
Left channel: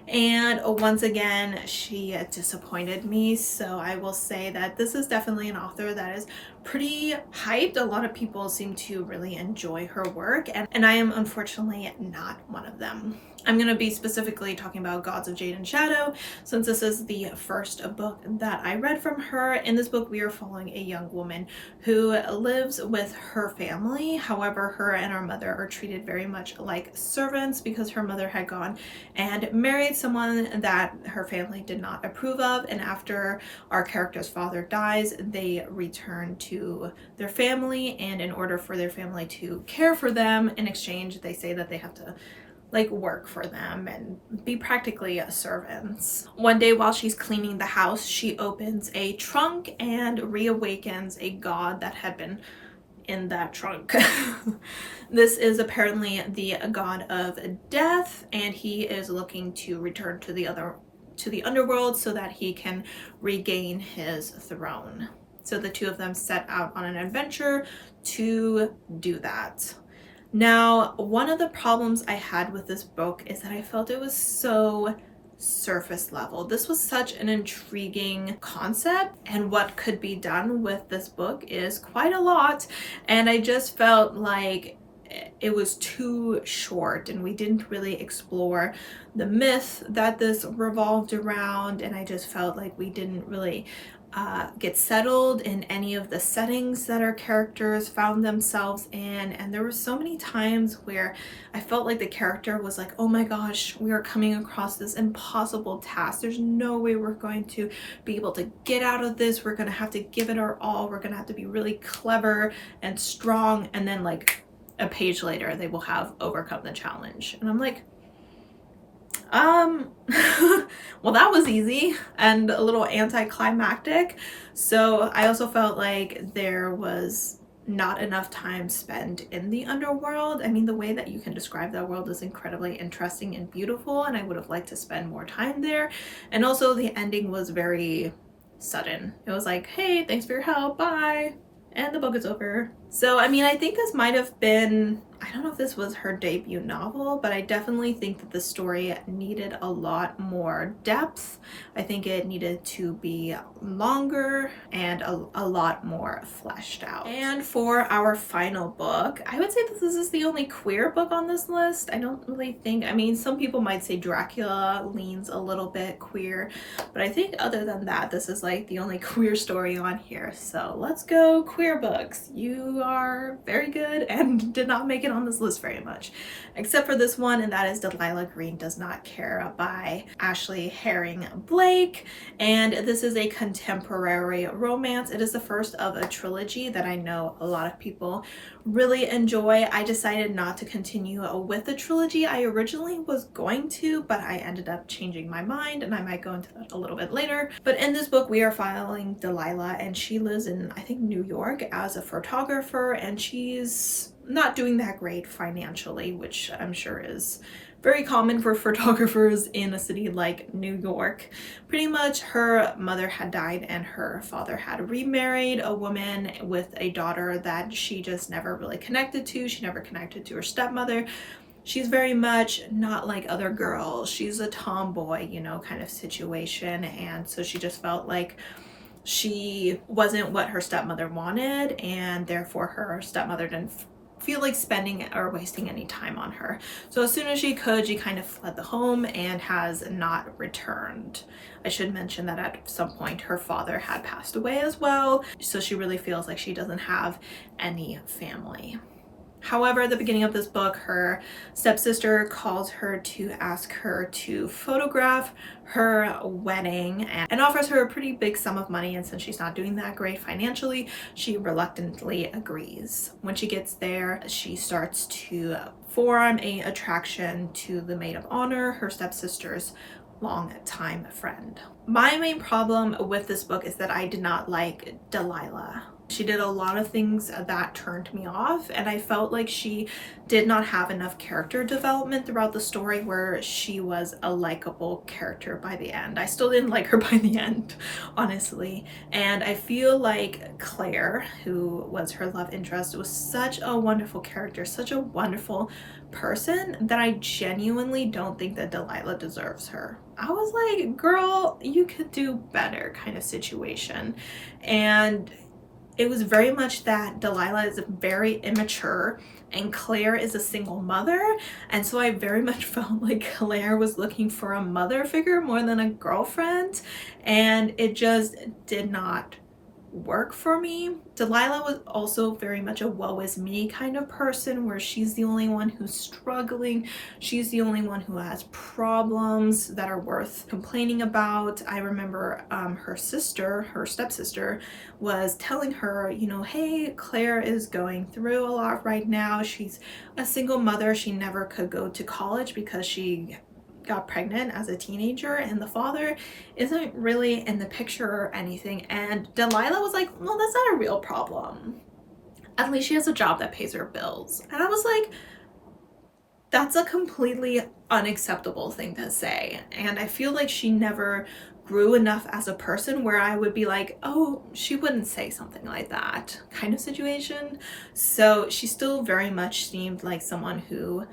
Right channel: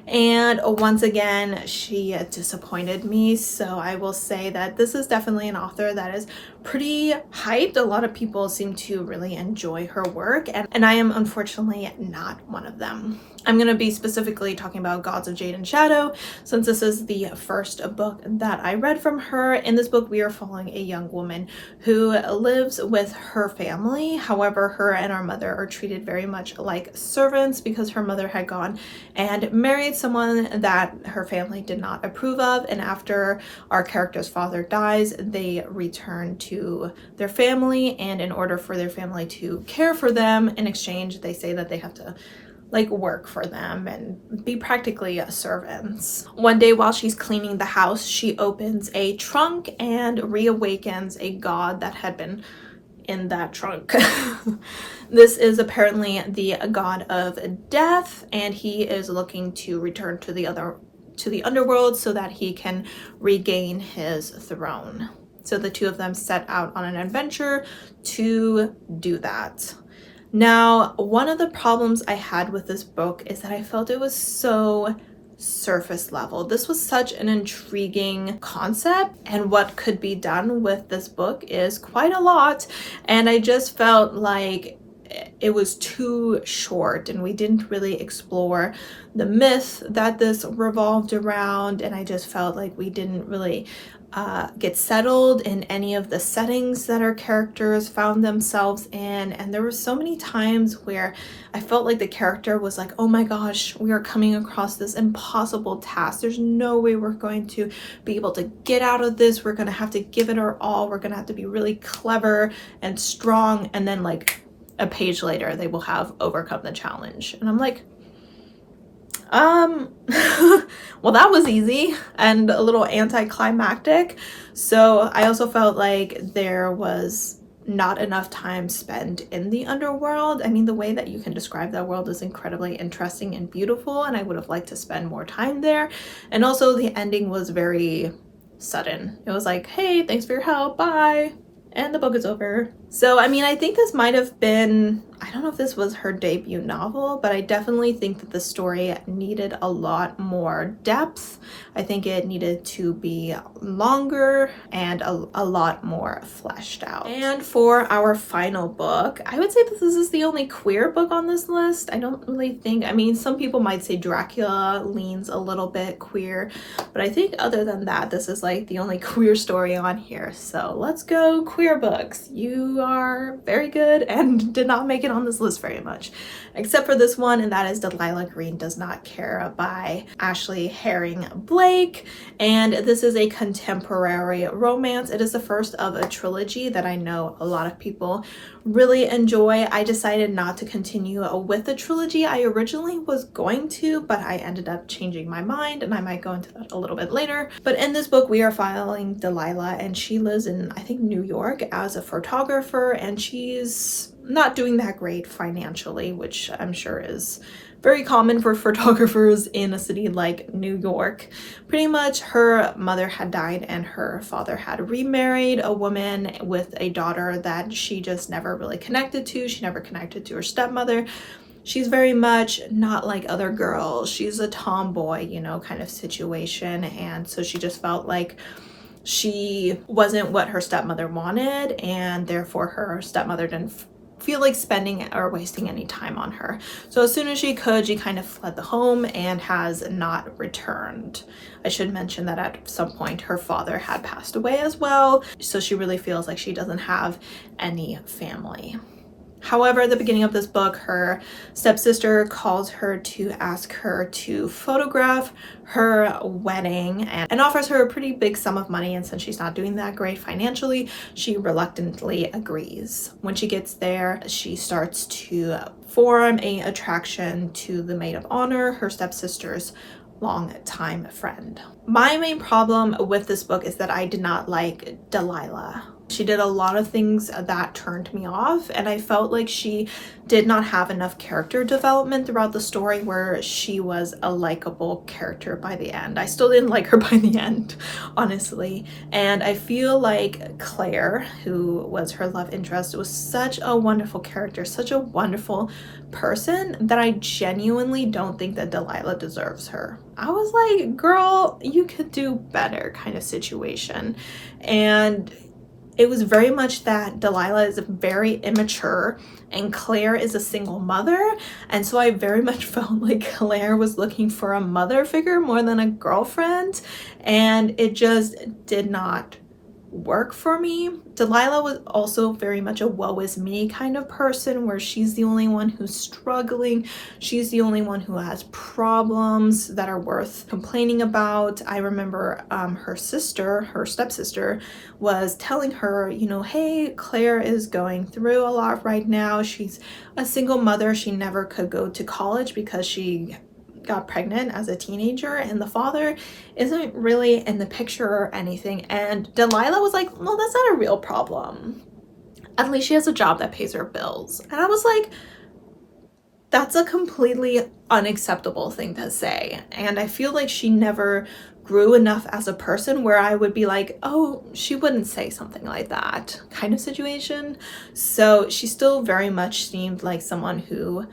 And once again, she disappointed me. So I will say that this is definitely an author that is pretty hyped. A lot of people seem to really enjoy her work, and I am unfortunately not one of them. I'm going to be specifically talking about Gods of Jade and Shadow, since this is the first book that I read from her. In this book, we are following a young woman who lives with her family. However, her and our mother are treated very much like servants because her mother had gone and married someone that her family did not approve of. And after our character's father dies, they return to their family. And in order for their family to care for them, in exchange, they say that they have to like work for them and be practically servants. One day while she's cleaning the house, she opens a trunk and reawakens a god that had been in that trunk. This is apparently the god of death, and he is looking to return to the underworld so that he can regain his throne. So the two of them set out on an adventure to do that. Now, one of the problems I had with this book is that I felt it was so surface level. This was such an intriguing concept, and what could be done with this book is quite a lot, and I just felt like it was too short and we didn't really explore the myth that this revolved around, and I just felt like we didn't really get settled in any of the settings that our characters found themselves in. And there were so many times where I felt like the character was like, oh my gosh, we are coming across this impossible task. There's no way we're going to be able to get out of this. We're going to have to give it our all. We're going to have to be really clever and strong. And then like a page later, they will have overcome the challenge. And I'm like, well, that was easy and a little anticlimactic. So I also felt like there was not enough time spent in the underworld. I mean, the way that you can describe that world is incredibly interesting and beautiful, and I would have liked to spend more time there. And also the ending was very sudden. It was like, hey, thanks for your help, bye. And the book is over. So, I mean, I think this might have been, I don't know if this was her debut novel, but I definitely think that the story needed a lot more depth. I think it needed to be longer and a lot more fleshed out. And for our final book, I would say that this is the only queer book on this list. I don't really think, I mean, some people might say Dracula leans a little bit queer, but I think other than that, this is like the only queer story on here. So let's go queer books. You are very good and did not make it on this list very much, except for this one, and that is Delilah Green Does Not Care by Ashley Herring Blake. And this is a contemporary romance. It is the first of a trilogy that I know a lot of people really enjoy. I decided not to continue with the trilogy. I originally was going to, but I ended up changing my mind, and I might go into that a little bit later. But in this book, we are following Delilah, and she lives in, I think, New York as a photographer, and she's not doing that great financially, which I'm sure is very common for photographers in a city like New York. Pretty much her mother had died and her father had remarried a woman with a daughter that she just never really connected to. She never connected to her stepmother. She's very much not like other girls. She's a tomboy, you know, kind of situation. And so she just felt like she wasn't what her stepmother wanted, and therefore her stepmother didn't feel like spending or wasting any time on her. So as soon as she could, she kind of fled the home and has not returned. I should mention that at some point her father had passed away as well, so she really feels like she doesn't have any family. However, at the beginning of this book, her stepsister calls her to ask her to photograph her wedding and offers her a pretty big sum of money, and since she's not doing that great financially, she reluctantly agrees. When she gets there, she starts to form an attraction to the maid of honor, her stepsister's long-time friend. My main problem with this book is that I did not like Delilah. She did a lot of things that turned me off, and I felt like she did not have enough character development throughout the story where she was a likable character by the end. I still didn't like her by the end, honestly. And I feel like Claire, who was her love interest, was such a wonderful character, such a wonderful person, that I genuinely don't think that Theila deserves her. I was like, girl, you could do better kind of situation. And it was very much that Theila is very immature and Claire is a single mother, and so I very much felt like Claire was looking for a mother figure more than a girlfriend, and it just did not work for me. Theila was also very much a woe is me kind of person, where she's the only one who's struggling, she's the only one who has problems that are worth complaining about. I remember her stepsister was telling her, you know, hey, Claire is going through a lot right now. She's a single mother. She never could go to college because she got pregnant as a teenager, and the father isn't really in the picture or anything. And Theila was like, no, that's not a real problem. At least she has a job that pays her bills. And I was like, that's a completely unacceptable thing to say. And I feel like she never grew enough as a person where I would be like, oh, she wouldn't say something like that kind of situation. So she still very much seemed like someone who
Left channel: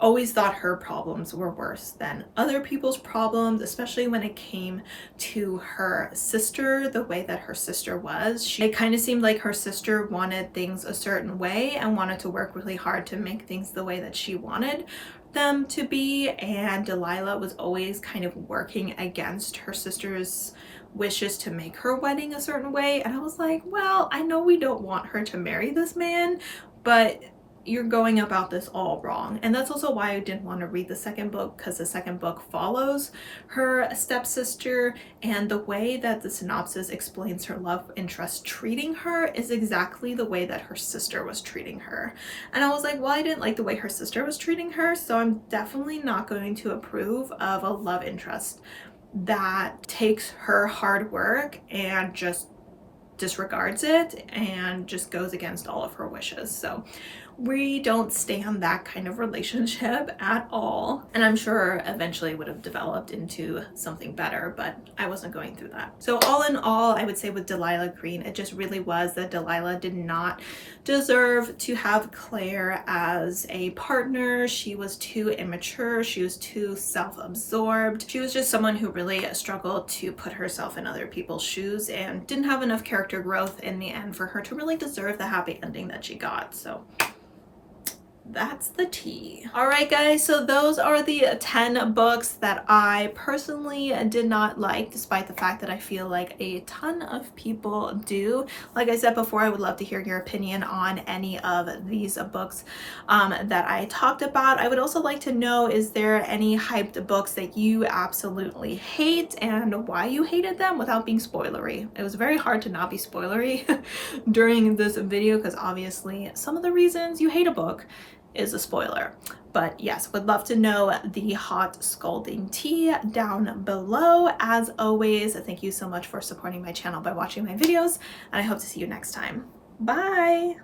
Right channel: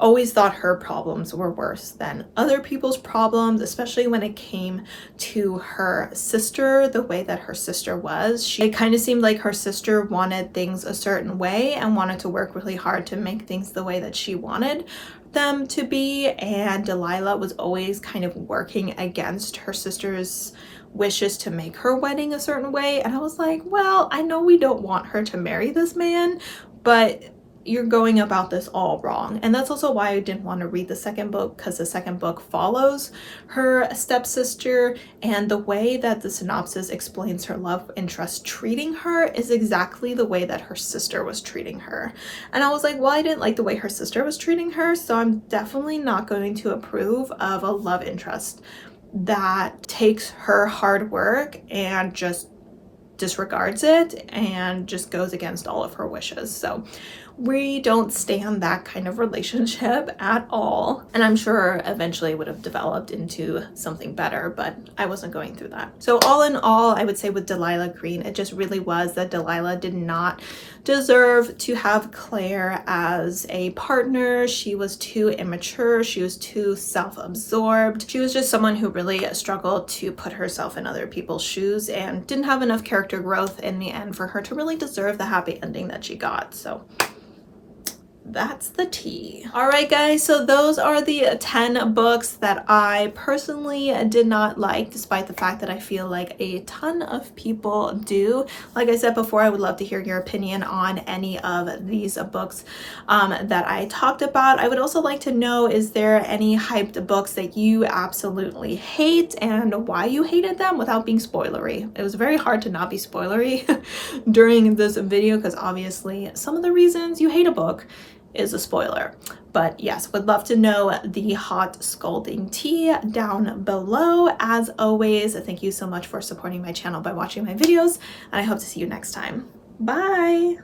always thought her problems were worse than other people's problems, especially when it came to her sister, the way that her sister was. It kind of seemed like her sister wanted things a certain way and wanted to work really hard to make things the way that she wanted them to be, and Theila was always kind of working against her sister's wishes to make her wedding a certain way. And I was like, well, I know we don't want her to marry this man, but you're going about this all wrong. And that's also why I didn't want to read the second book, because the second book follows her stepsister, and the way that the synopsis explains her love interest treating her is exactly the way that her sister was treating her. And I was like, well, I didn't like the way her sister was treating her, so I'm definitely not going to approve of a love interest that takes her hard work and just disregards it and just goes against all of her wishes. So we don't stand that kind of relationship at all. And I'm sure eventually it would have developed into something better, but I wasn't going through that. So all in all, I would say with Theila Green, it just really was that Theila did not deserve to have Claire as a partner. She was too immature. She was too self-absorbed. She was just someone who really struggled to put herself in other people's shoes and didn't have enough character growth in the end for her to really deserve the happy ending that she got. So that's the tea. All right, guys, so those are the 10 books that I personally did not like, despite the fact that I feel like a ton of people do. Like I said before, I would love to hear your opinion on any of these books that I talked about. I would also like to know, is there any hyped books that you absolutely hate and why you hated them without being spoilery? It was very hard to not be spoilery during this video, because obviously some of the reasons you hate a book is a spoiler. But yes, would love to know the hot scalding tea down below. As always, thank you so much for supporting my channel by watching my videos, and I hope to see you next time. Bye!